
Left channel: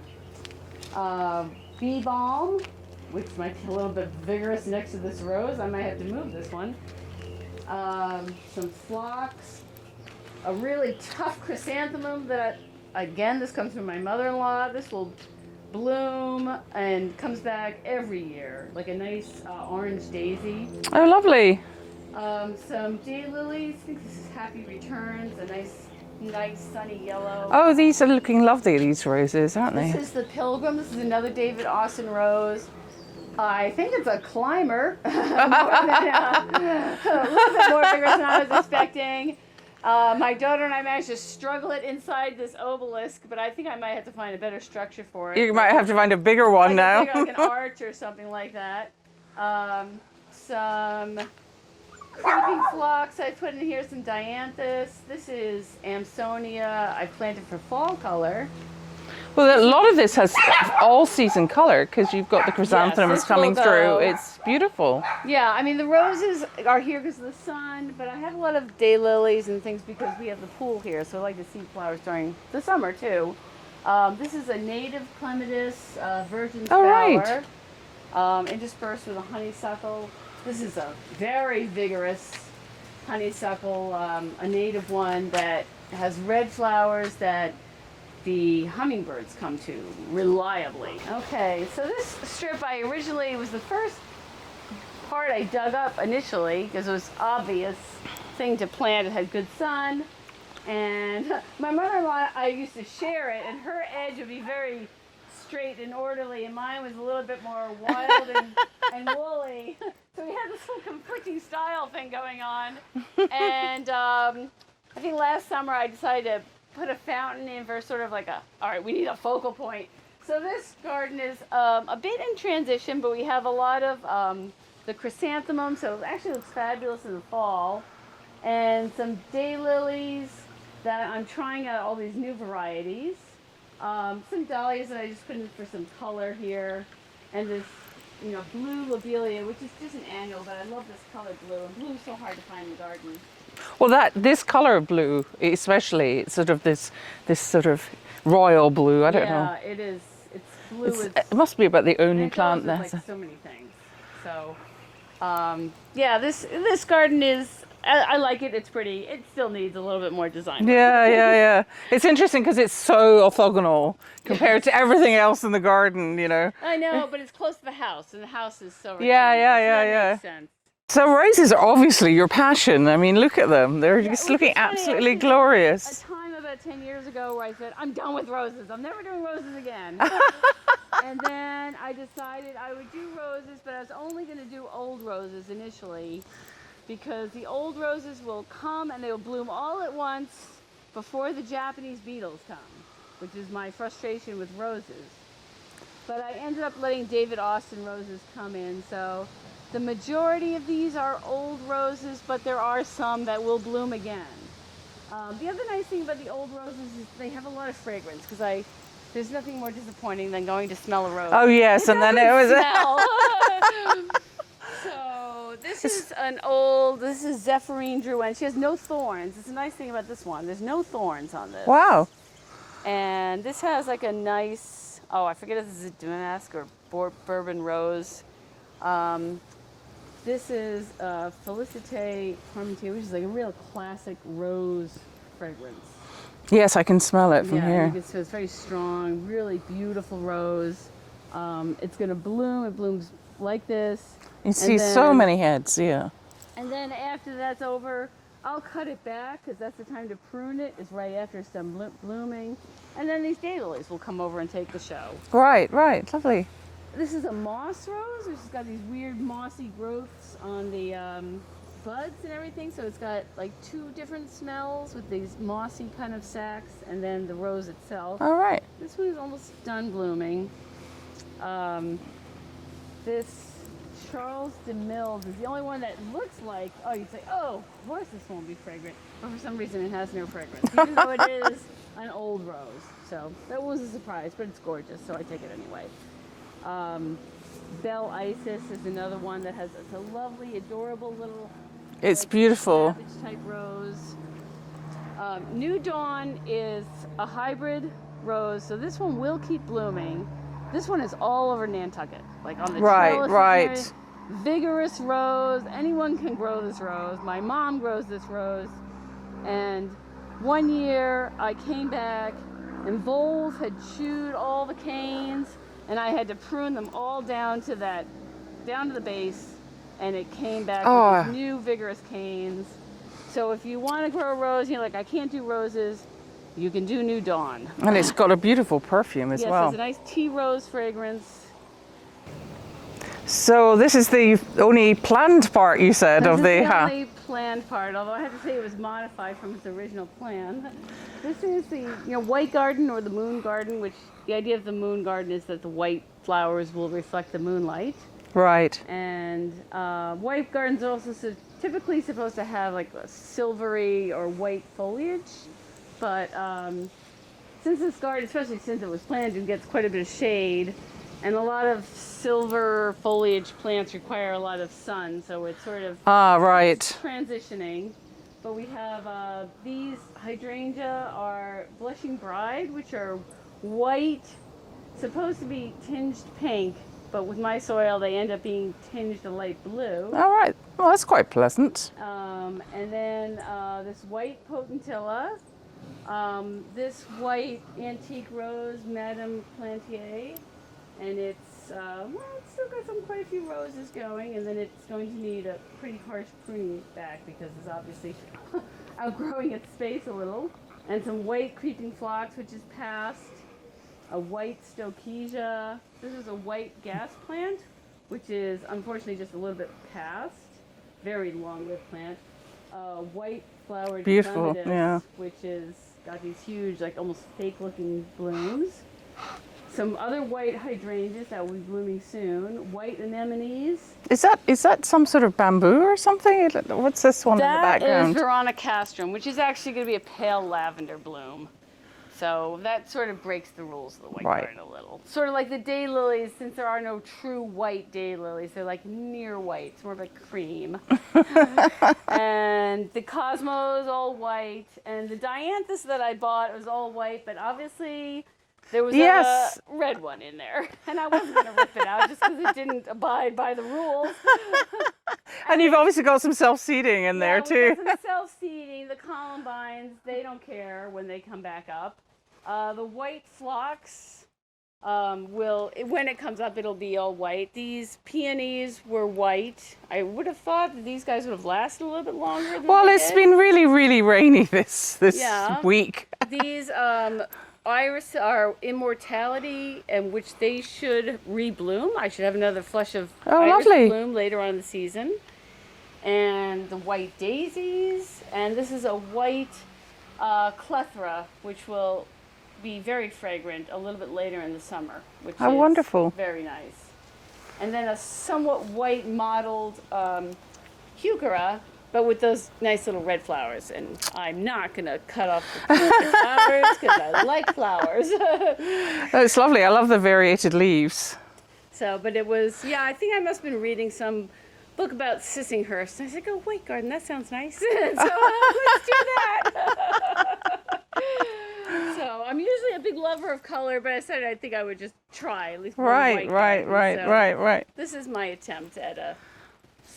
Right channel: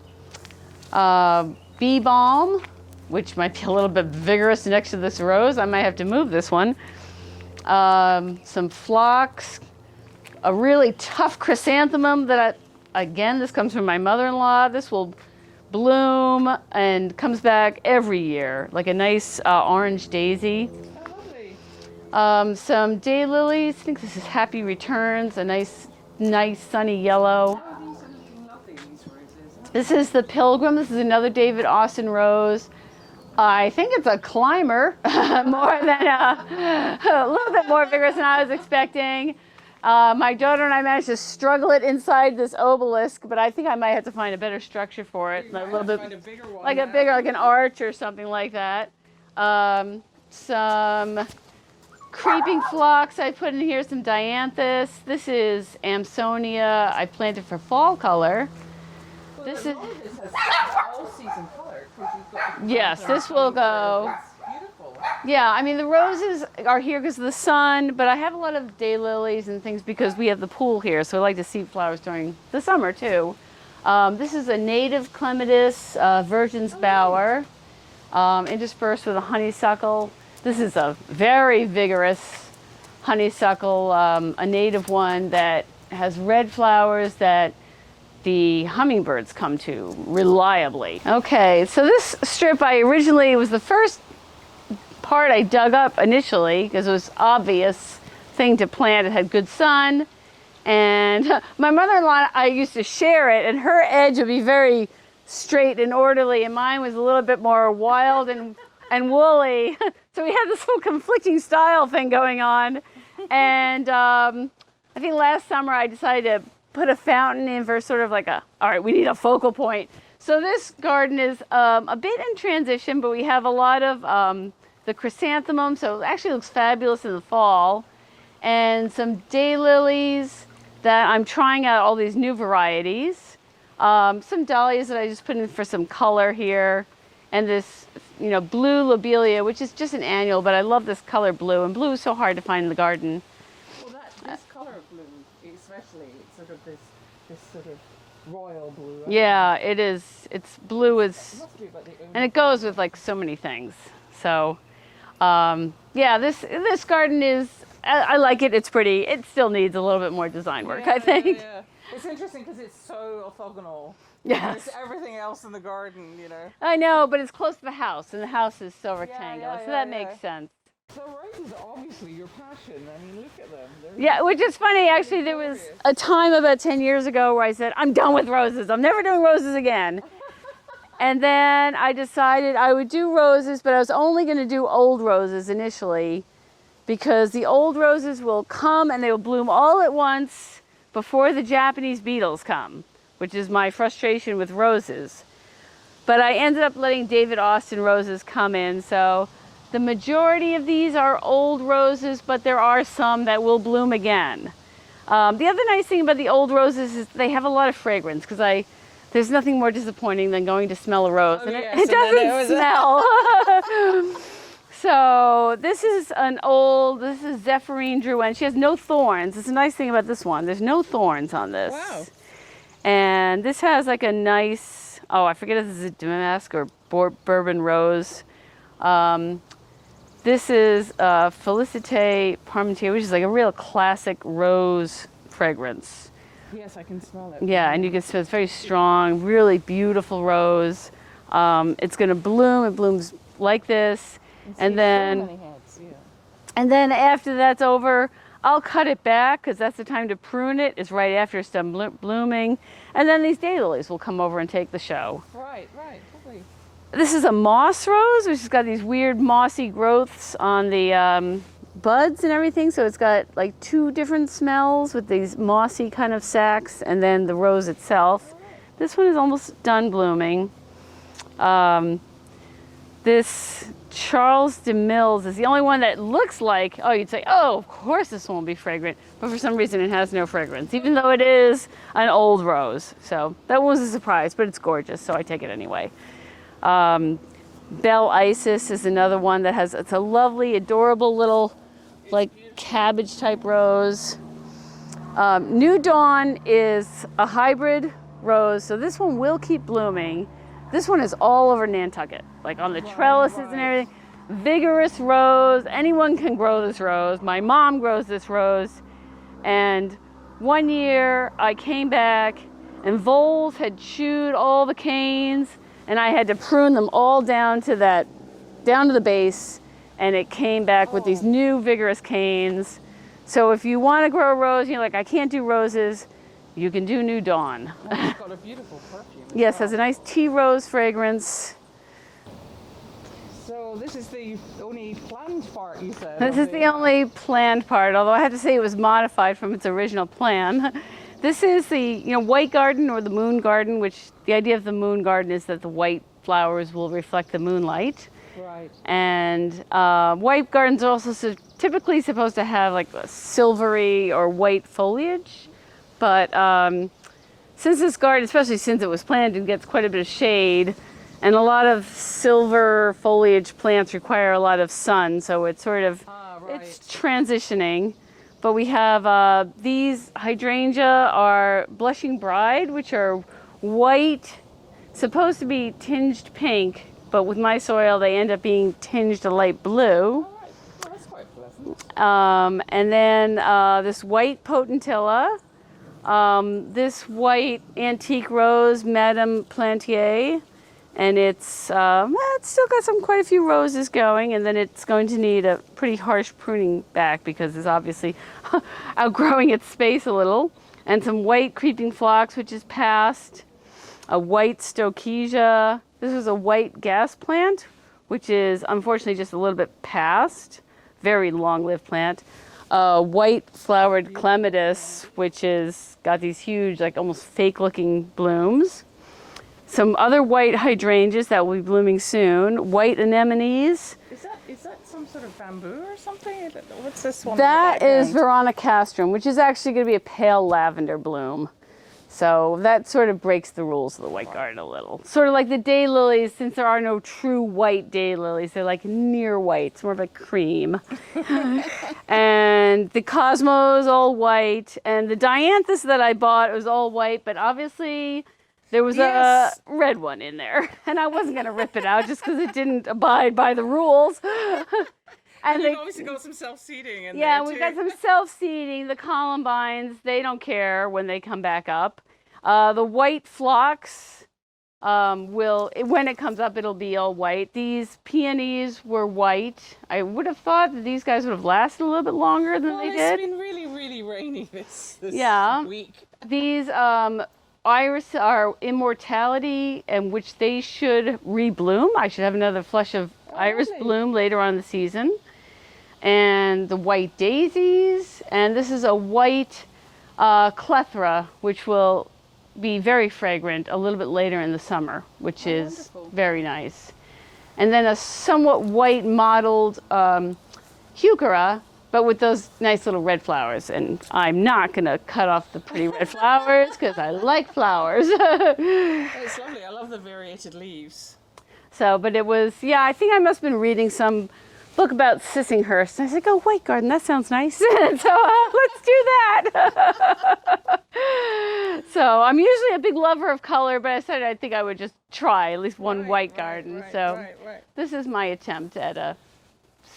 Bee balm, which might be a little bit vigorous next to this rose. I might have to move this one. Some phlox, a really tough chrysanthemum that again, this comes from my mother-in-law. This will bloom and comes back every year, like a nice orange daisy. Oh, lovely. Some daylilies. I think this is Happy Returns, a nice sunny yellow. Oh, these are looking lovely, these roses, aren't they? This is the Pilgrim. This is another David Austin rose. I think it's a climber, a little bit more vigorous than I was expecting. My daughter and I managed to struggle it inside this obelisk, but I think I might have to find a better structure for it. You might have to find a bigger one now. Like an arch or something like that. Some creeping phlox I put in here, some dianthus. This is Amsonia I planted for fall color. Well, a lot of this has all-season color, because you've got the chrysanthemums coming through. It's beautiful. Yeah, I mean, the roses are here because of the sun, but I have a lot of daylilies and things because we have the pool here, so I like to see flowers during the summer, too. This is a native clematis, Virgin's Bower, interspersed with a honeysuckle. This is a very vigorous honeysuckle, a native one that has red flowers that the hummingbirds come to reliably. Okay, so this strip was the first part I dug up initially because it was obvious thing to plant. It had good sun, and my mother-in-law, I used to share it, and her edge would be very straight and orderly, and mine was a little bit more wild and woolly. So we had this whole conflicting style thing going on, and I think last summer I decided to put a fountain in for sort of like all right, we need a focal point. So this garden is a bit in transition, but we have a lot of the chrysanthemum, so it actually looks fabulous in the fall, and some daylilies that I'm trying out all these new varieties. Some dahlias that I just put in for some color here, and this blue lobelia, which is just an annual, but I love this color blue, and blue is so hard to find in the garden. Well, this color of blue, especially, sort of this sort of royal blue. I don't know. Yeah, it is. It's blue. It must be about the only. And it goes with like so many things. So, yeah, this garden is. I like it. It's pretty. It still needs a little bit more design work. Yeah, I think. yeah. It's interesting because it's so orthogonal compared to everything else in the garden. I know, but it's close to the house, and the house is so rectangular. Yeah. So that makes sense. So roses are obviously your passion. I mean, look at them. They're just looking absolutely glorious. There was a time about 10 years ago where I said, I'm done with roses. I'm never doing roses again. And then I decided I would do roses, but I was only going to do old roses initially because the old roses will come and they will bloom all at once before the Japanese beetles come, which is my frustration with roses. But I ended up letting David Austin roses come in, so the majority of these are old roses, but there are some that will bloom again. The other nice thing about the old roses is they have a lot of fragrance, because there's nothing more disappointing than going to smell a rose. Oh yes, and then it was smell. So this is Zephyrine Drouin. She has no thorns. It's a nice thing about this one. There's no thorns on this. Wow. And this has like a nice, I forget if this is a damask or bourbon rose. This is Félicité Parmentier, which is like a real classic rose fragrance. Yes, I can smell it from Yeah, here. and you can smell it's very strong, really beautiful rose. It's going to bloom. It blooms like this. You see so many heads, yeah. And then after that's over, I'll cut it back because that's the time to prune it. It's right after it's done blooming. And then these daylilies will come over and take the show. Right, lovely. This is a moss rose, which has got these weird mossy growths on the buds and everything. So it's got like 2 different smells with these mossy kind of sacs and then the rose itself. All right. This one is almost done blooming. This Charles de Mills is the only one that looks like, oh, you'd say, oh, of course this one will be fragrant. But for some reason it has no fragrance, even though it is an old rose. So that was a surprise, but it's gorgeous, so I take it anyway. Belle Isis is another one that has, it's a lovely, adorable little It's like beautiful. cabbage type rose. New Dawn is a hybrid rose, so this one will keep blooming. This one is all over Nantucket, like on the trellises and everything. Vigorous rose. Anyone can grow this rose. My mom grows this rose. And one year I came back and voles had chewed all the canes and I had to prune them all down to the base, and it came back with these new vigorous canes. So if you want to grow a rose, you're like, I can't do roses, you can do New Dawn. And it's got a beautiful perfume as yes, well. it has a nice tea rose fragrance. So this is the only planned part, you said, This of is the the only planned part, although I have to say it was modified from its original plan. This is the white garden or the moon garden, which the idea of the moon garden is that the white flowers will reflect the moonlight. Right. And white gardens are also typically supposed to have like a silvery or white foliage. But since this garden, especially since it was planted, gets quite a bit of shade, and a lot of silver foliage plants require a lot of sun, so it's sort of it's transitioning. But we have these hydrangea are Blushing Bride, which are white, supposed to be tinged pink, but with my soil they end up being tinged a light blue. All right. Well, that's quite pleasant. And then this white potentilla, this white antique rose, Madame Plantier, and it's still got quite a few roses going, and then it's going to need a pretty harsh pruning back because it's obviously outgrowing its space a little. And some white creeping phlox, which is past, a white stoichesia. This is a white gas plant, which is unfortunately just a little bit past. Very long-lived plant. White flowered clematis, which is got these huge, like almost fake-looking blooms. Some other white hydrangeas that will be blooming soon. White anemones. Is that some sort of bamboo or something? What's this one in the background? That is Veronicastrum, which is actually going to be a pale lavender bloom. So that sort of breaks the rules of the white garden a little. Sort of like the daylilies, since there are no true white daylilies, they're like near white. It's more of a cream. And the Cosmos, all white. And the Dianthus that I bought was all white, but obviously there was a red one in there. And I wasn't going to rip it out just because it didn't abide by the rules. And you've obviously got some self-seeding in there too. Yeah, we've got some self-seeding. The columbines, they don't care when they come back up. The white phlox when it comes up, it'll be all white. These peonies were white. I would have thought that these guys would have lasted a little bit longer than they did. It's been really, really rainy this week. These iris are Immortality, and which they should rebloom. I should have another flush of iris bloom later on in the season. And the white daisies, and this is a white clethra, which will be very fragrant a little bit later in the summer, which is wonderful. Very nice. And then a somewhat white mottled heuchera, but with those nice little red flowers. And I'm not going to cut off the red flowers because I like flowers. It's lovely. I love the variated leaves. So, but it was, I think I must have been reading some book about Sissinghurst. And I said, oh, white garden, that sounds nice. So let's do that. So I'm usually a big lover of color, but I decided I think I would just try at least one white garden. Right. This is my attempt at a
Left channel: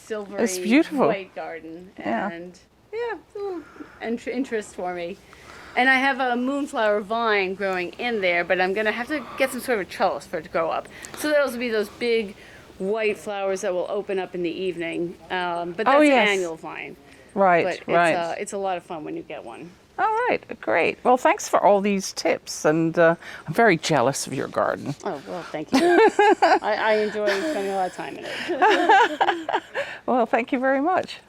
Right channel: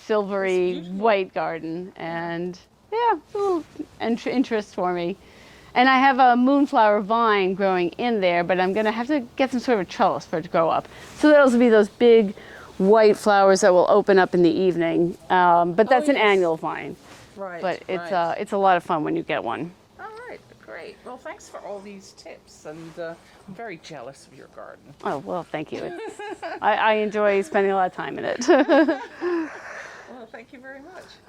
silvery white garden. And yeah, it's a little interest for me. And I have a moonflower vine growing in there, but I'm going to have to get some sort of trellis for it to grow up. So those will be those big white flowers that will open up in the evening. But that's an annual vine. Right, but it's a lot of fun when you get one. All right, great. Well, thanks for all these tips, and I'm very jealous of your garden. Oh, well, thank you. I enjoy spending a lot of time in it. Well, thank you very much.